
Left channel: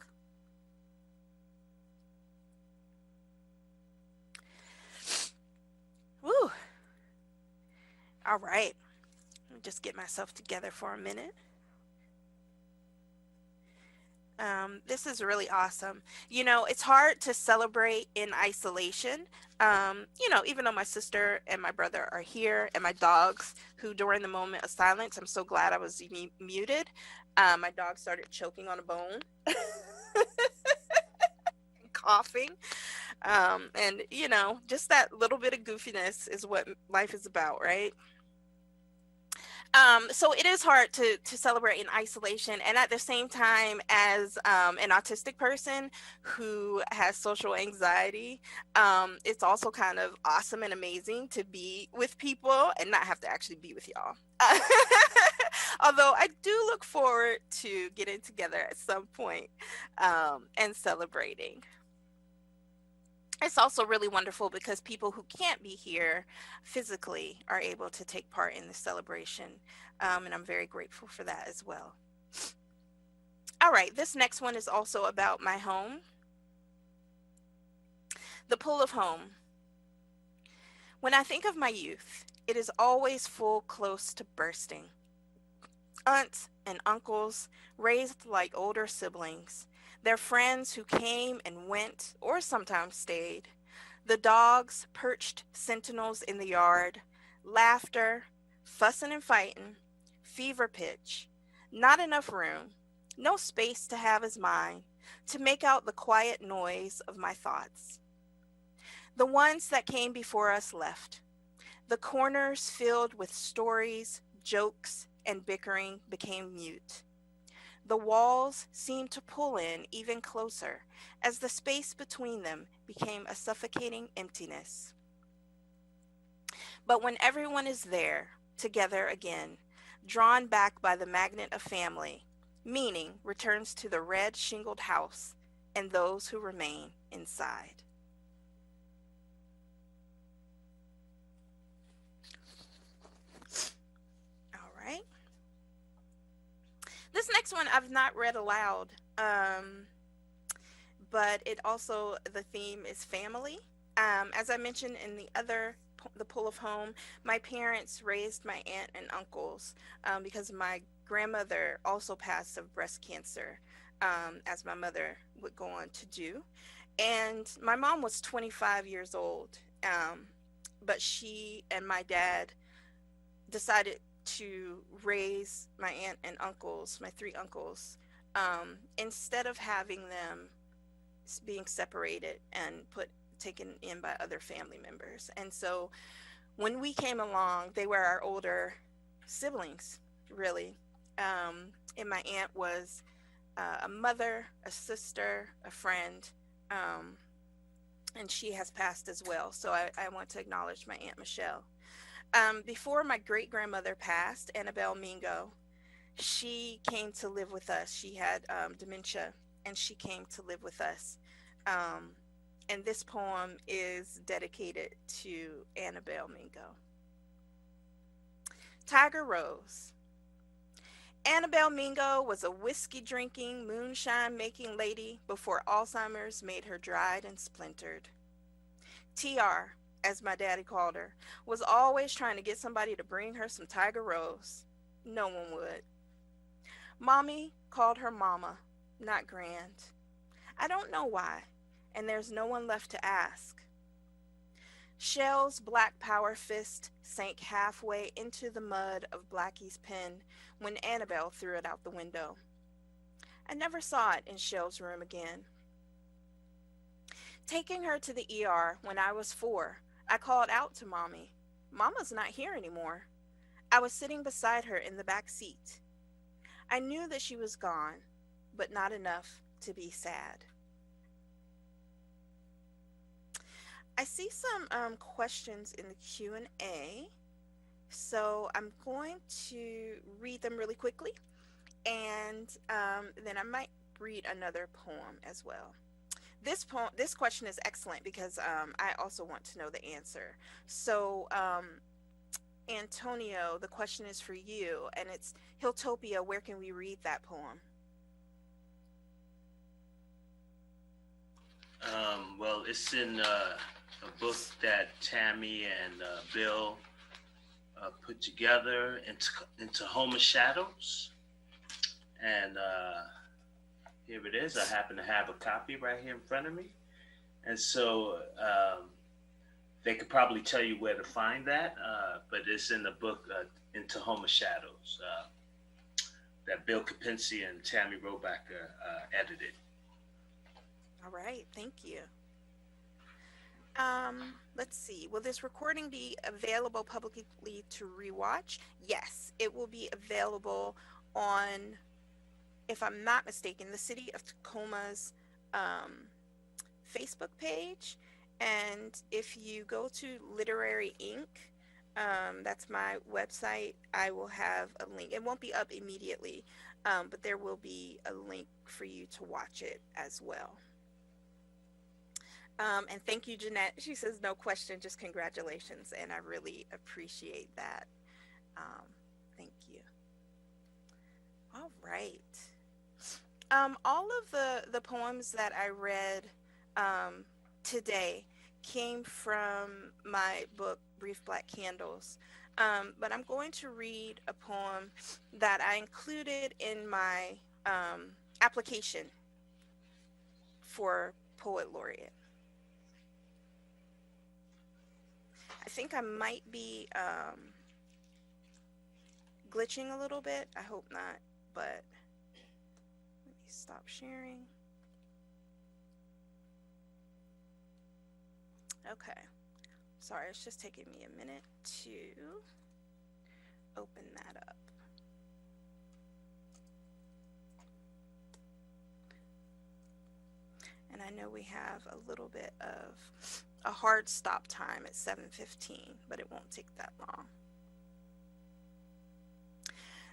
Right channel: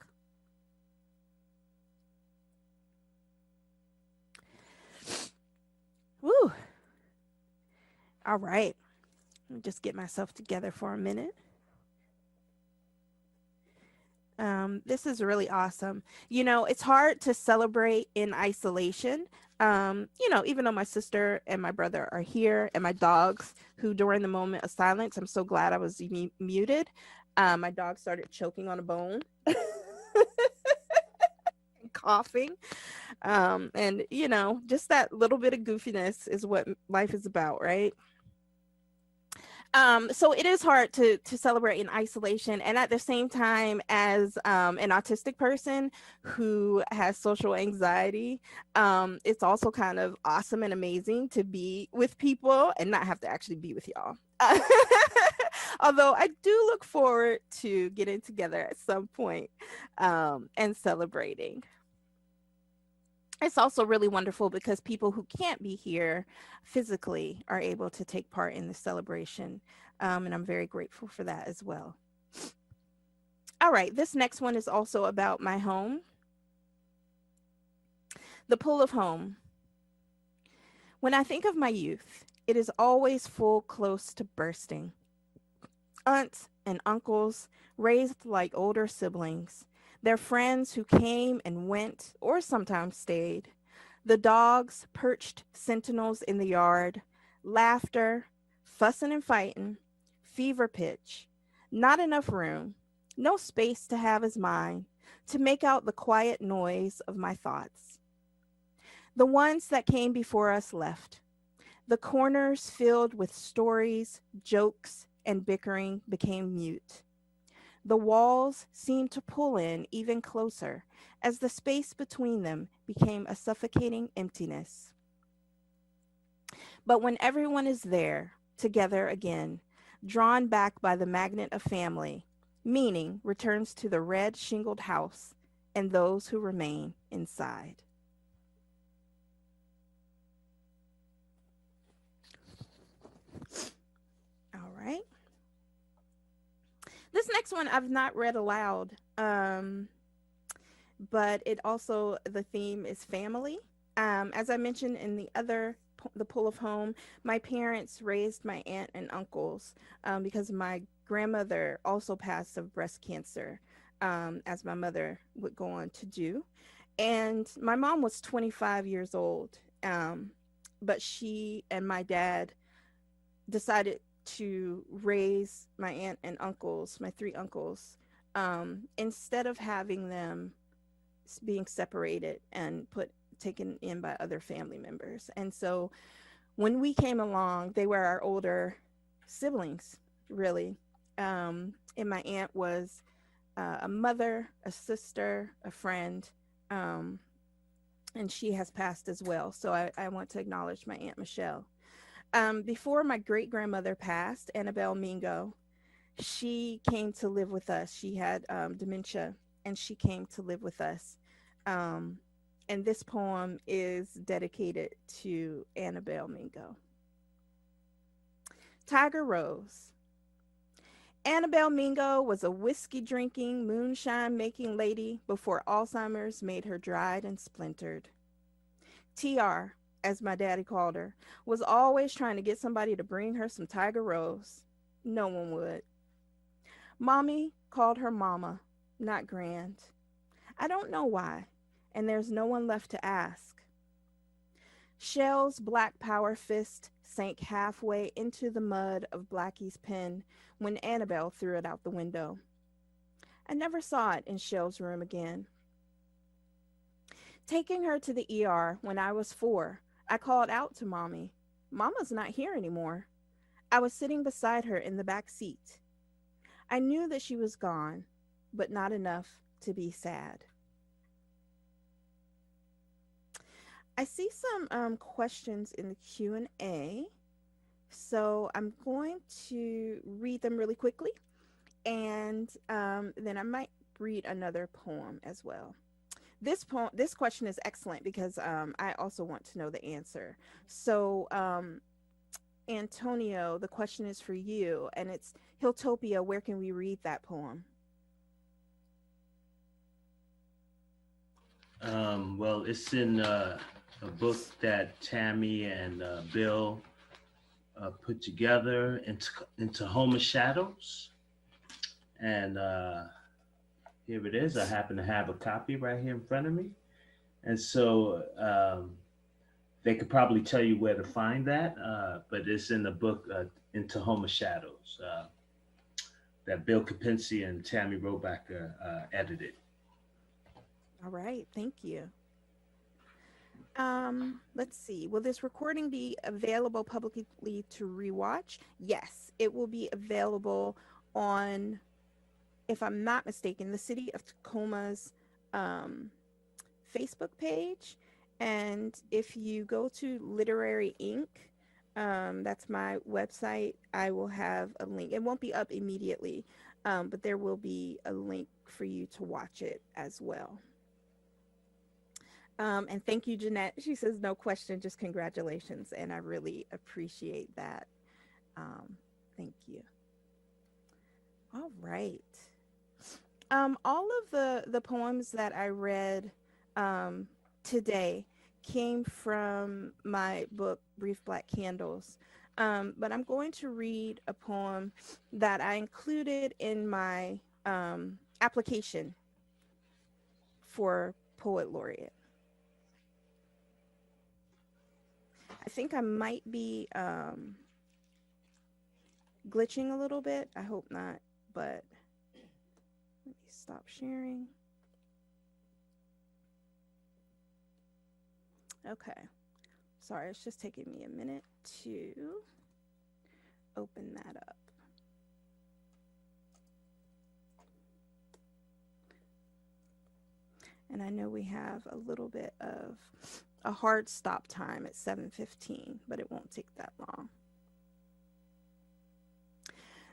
Woo. All right. Let me just get myself together for a minute. This is really awesome. You know, it's hard to celebrate in isolation. You know, even though my sister and my brother are here and my dogs, who during the moment of silence, I'm so glad I was muted. My dog started choking on a bone and coughing. And, you know, just that little bit of goofiness is what life is about, right? So it is hard to celebrate in isolation, and at the same time, as an autistic person who has social anxiety, it's also kind of awesome and amazing to be with people and not have to actually be with y'all. Although I do look forward to getting together at some point and celebrating. It's also really wonderful because people who can't be here physically are able to take part in the celebration. And I'm very grateful for that as well. All right, this next one is also about my home. The pool of home. When I think of my youth, it is always full close to bursting. Aunts and uncles, raised like older siblings, their friends who came and went or sometimes stayed, the dogs perched sentinels in the yard, laughter, fussing and fighting, fever pitch, not enough room, no space to have as mine, to make out the quiet noise of my thoughts. The ones that came before us left. The corners filled with stories, jokes, and bickering became mute. The walls seemed to pull in even closer as the space between them became a suffocating emptiness. But when everyone is there, together again, drawn back by the magnet of family, meaning returns to the red shingled house and those who remain inside. All right. This next one I've not read aloud, but it also, the theme is family. As I mentioned in the Pull of Home, my parents raised my aunt and uncles because my grandmother also passed of breast cancer, as my mother would go on to do. And my mom was 25 years old, but she and my dad decided to raise my aunt and uncles, my three uncles, instead of having them being separated and taken in by other family members. And so when we came along, they were our older siblings, really. And my aunt was a mother, a sister, a friend, and she has passed as well. So I want to acknowledge my Aunt Michelle. Before my great grandmother passed, Annabelle Mingo, she came to live with us. She had dementia, and she came to live with us. And this poem is dedicated to Annabelle Mingo. Tiger Rose. Annabelle Mingo was a whiskey-drinking, moonshine-making lady before Alzheimer's made her dried and splintered. TR, as my daddy called her, was always trying to get somebody to bring her some Tiger Rose. No one would. Mommy called her Mama, not Grand. I don't know why, and there's no one left to ask. Shell's black power fist sank halfway into the mud of Blackie's pen when Annabelle threw it out the window. I never saw it in Shell's room again. Taking her to the ER when I was 4, I called out to Mommy. Mama's not here anymore. I was sitting beside her in the back seat. I knew that she was gone, but not enough to be sad. I see some questions in the Q&A, so I'm going to read them really quickly, and then I might read another poem as well. This question is excellent because I also want to know the answer. So, Antonio, the question is for you, and it's Hilltopia. Where can we read that poem? Well, it's in a book that Tammy and Bill put together into Tacoma Shadows, and here it is. I happen to have a copy right here in front of me, and so they could probably tell you where to find that, but it's in the book in Tacoma Shadows that Bill Kapinski and Tammy Robacker edited. All right, thank you. Let's see. Will this recording be available publicly to rewatch? Yes, it will be available on, if I'm not mistaken, the City of Tacoma's Facebook page. And if you go to Literary Inc., that's my website, I will have a link. It won't be up immediately, but there will be a link for you to watch it as well. And thank you, Jeanette. She says, no question, just congratulations. And I really appreciate that. Thank you. All right. All of the poems that I read today came from my book, Brief Black Candles. But I'm going to read a poem that I included in my application for Poet Laureate. I think I might be glitching a little bit. I hope not, but let me stop sharing. Okay. Sorry, it's just taking me a minute to open that up. And I know we have a little bit of a hard stop time at 7:15, but it won't take that long.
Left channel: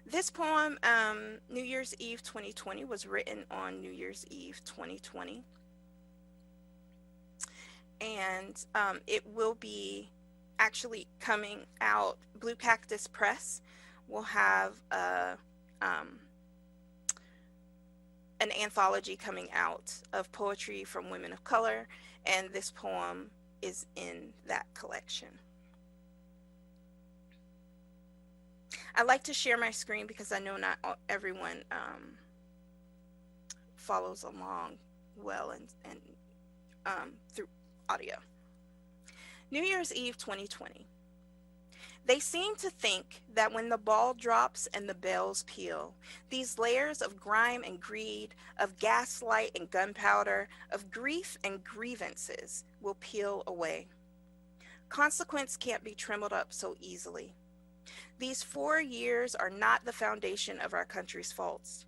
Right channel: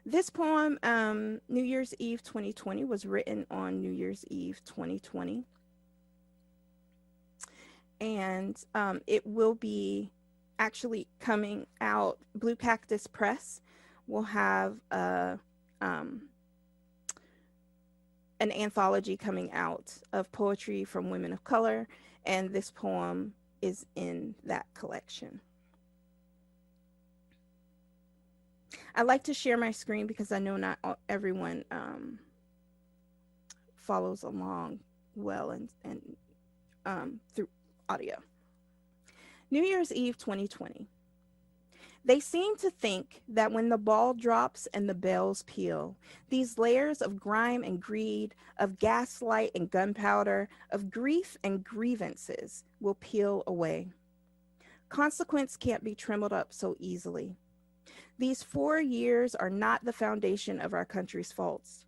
This poem, New Year's Eve 2020, was written on New Year's Eve 2020. And it will be actually coming out. Blue Cactus Press will have an anthology coming out of poetry from women of color, and this poem is in that collection. I like to share my screen because I know not everyone follows along well and through audio. New Year's Eve 2020. They seem to think that when the ball drops and the bells peal, these layers of grime and greed, of gaslight and gunpowder, of grief and grievances will peel away. Consequence can't be trimmed up so easily. These 4 years are not the foundation of our country's faults.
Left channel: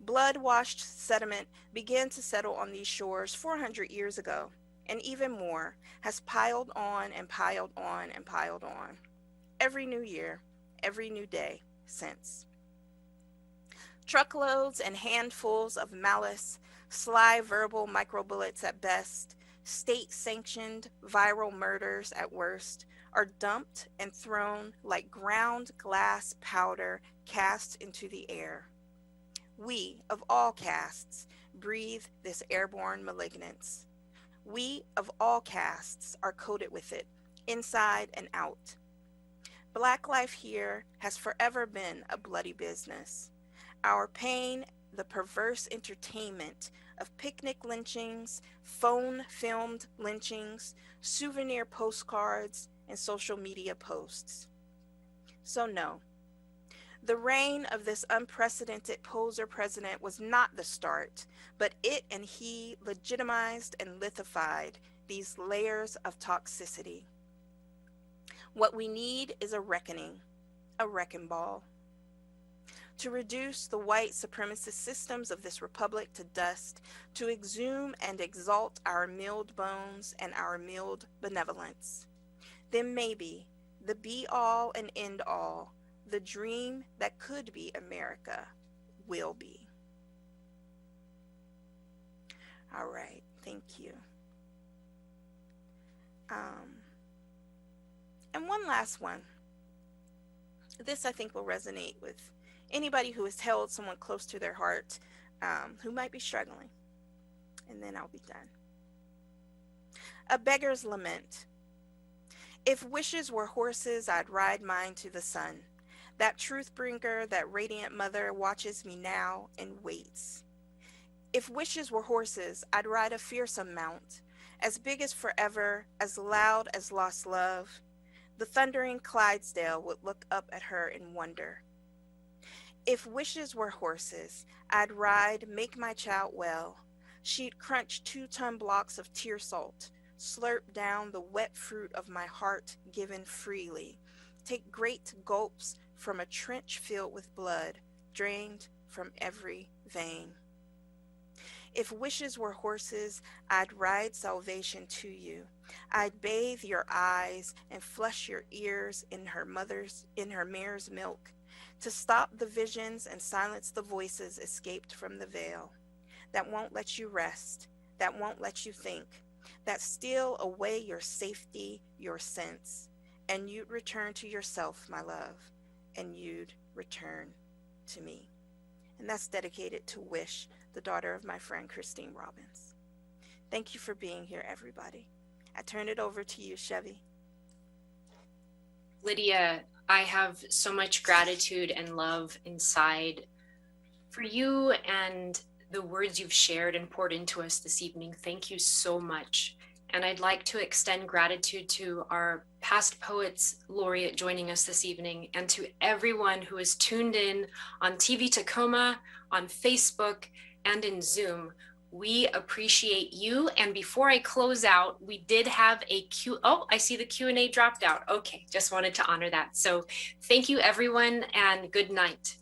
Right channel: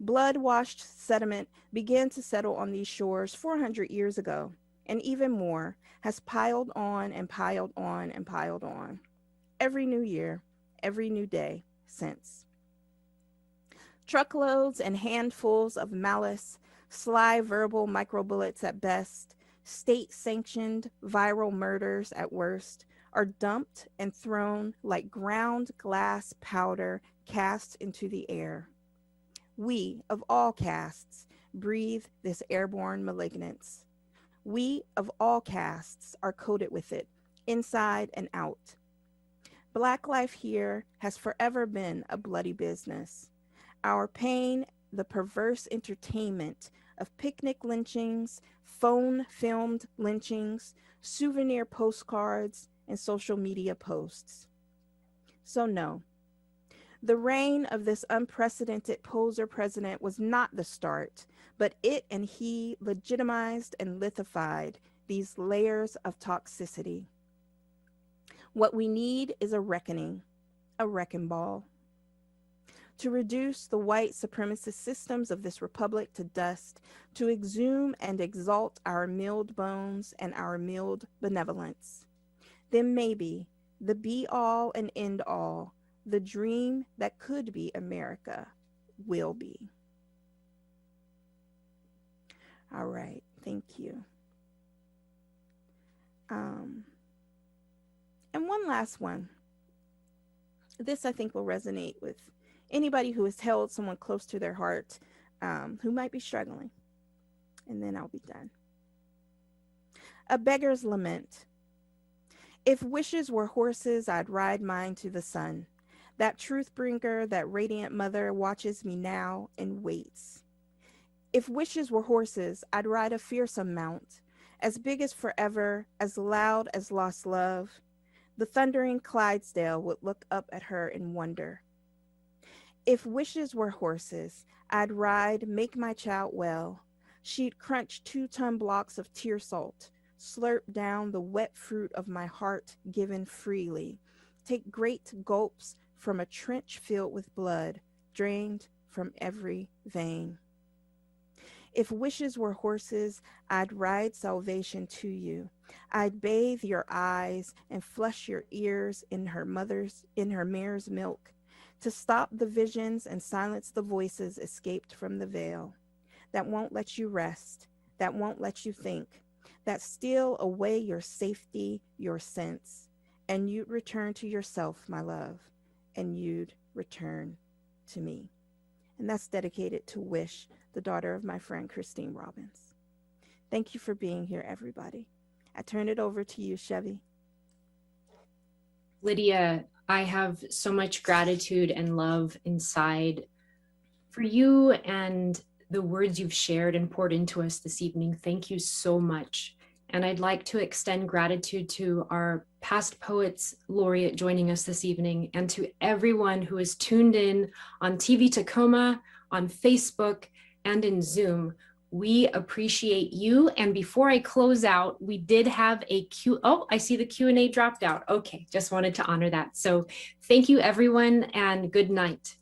Blood-washed sediment began to settle on these shores 400 years ago, and even more has piled on and piled on and piled on. Every new year, every new day since. Truckloads and handfuls of malice, sly verbal microbullets at best, state-sanctioned viral murders at worst, are dumped and thrown like ground glass powder cast into the air. We, of all castes, breathe this airborne malignance. We, of all castes, are coated with it, inside and out. Black life here has forever been a bloody business. Our pain, the perverse entertainment of picnic lynchings, phone-filmed lynchings, souvenir postcards, and social media posts. So no, the reign of this unprecedented poser president was not the start, but it and he legitimized and lithified these layers of toxicity. What we need is a reckoning, a wrecking ball, to reduce the white supremacist systems of this republic to dust, to exhume and exalt our milled bones and our milled benevolence. Then maybe the be-all and end-all, the dream that could be America, will be. All right, thank you. And one last one. This, I think, will resonate with anybody who has held someone close to their heart who might be struggling. And then I'll be done. A Beggar's Lament. If wishes were horses, I'd ride mine to the sun. That truth bringer, that radiant mother watches me now and waits. If wishes were horses, I'd ride a fearsome mount, as big as forever, as loud as lost love. The thundering Clydesdale would look up at her in wonder. If wishes were horses, I'd ride, make my child well. She'd crunch 2-ton blocks of tear salt, slurp down the wet fruit of my heart given freely. Take great gulps from a trench filled with blood, drained from every vein. If wishes were horses, I'd ride salvation to you. I'd bathe your eyes and flush your ears in her mare's milk, to stop the visions and silence the voices escaped from the veil, that won't let you rest, that won't let you think, that steal away your safety, your sense, and you'd return to yourself, my love, and you'd return to me. And that's dedicated to Wish, the daughter of my friend Christine Robbins. Thank you for being here, everybody. I turn it over to you, Chevy. Lydia, I have so much gratitude and love inside for you and the words you've shared and poured into us this evening. Thank you so much. And I'd like to extend gratitude to our past Poets Laureate joining us this evening, and to everyone who is tuned in on TV Tacoma, on Facebook, and in Zoom. We appreciate you. And before I close out, we did have a oh, I see the Q&A dropped out. Okay, just wanted to honor that. So thank you, everyone, and good night.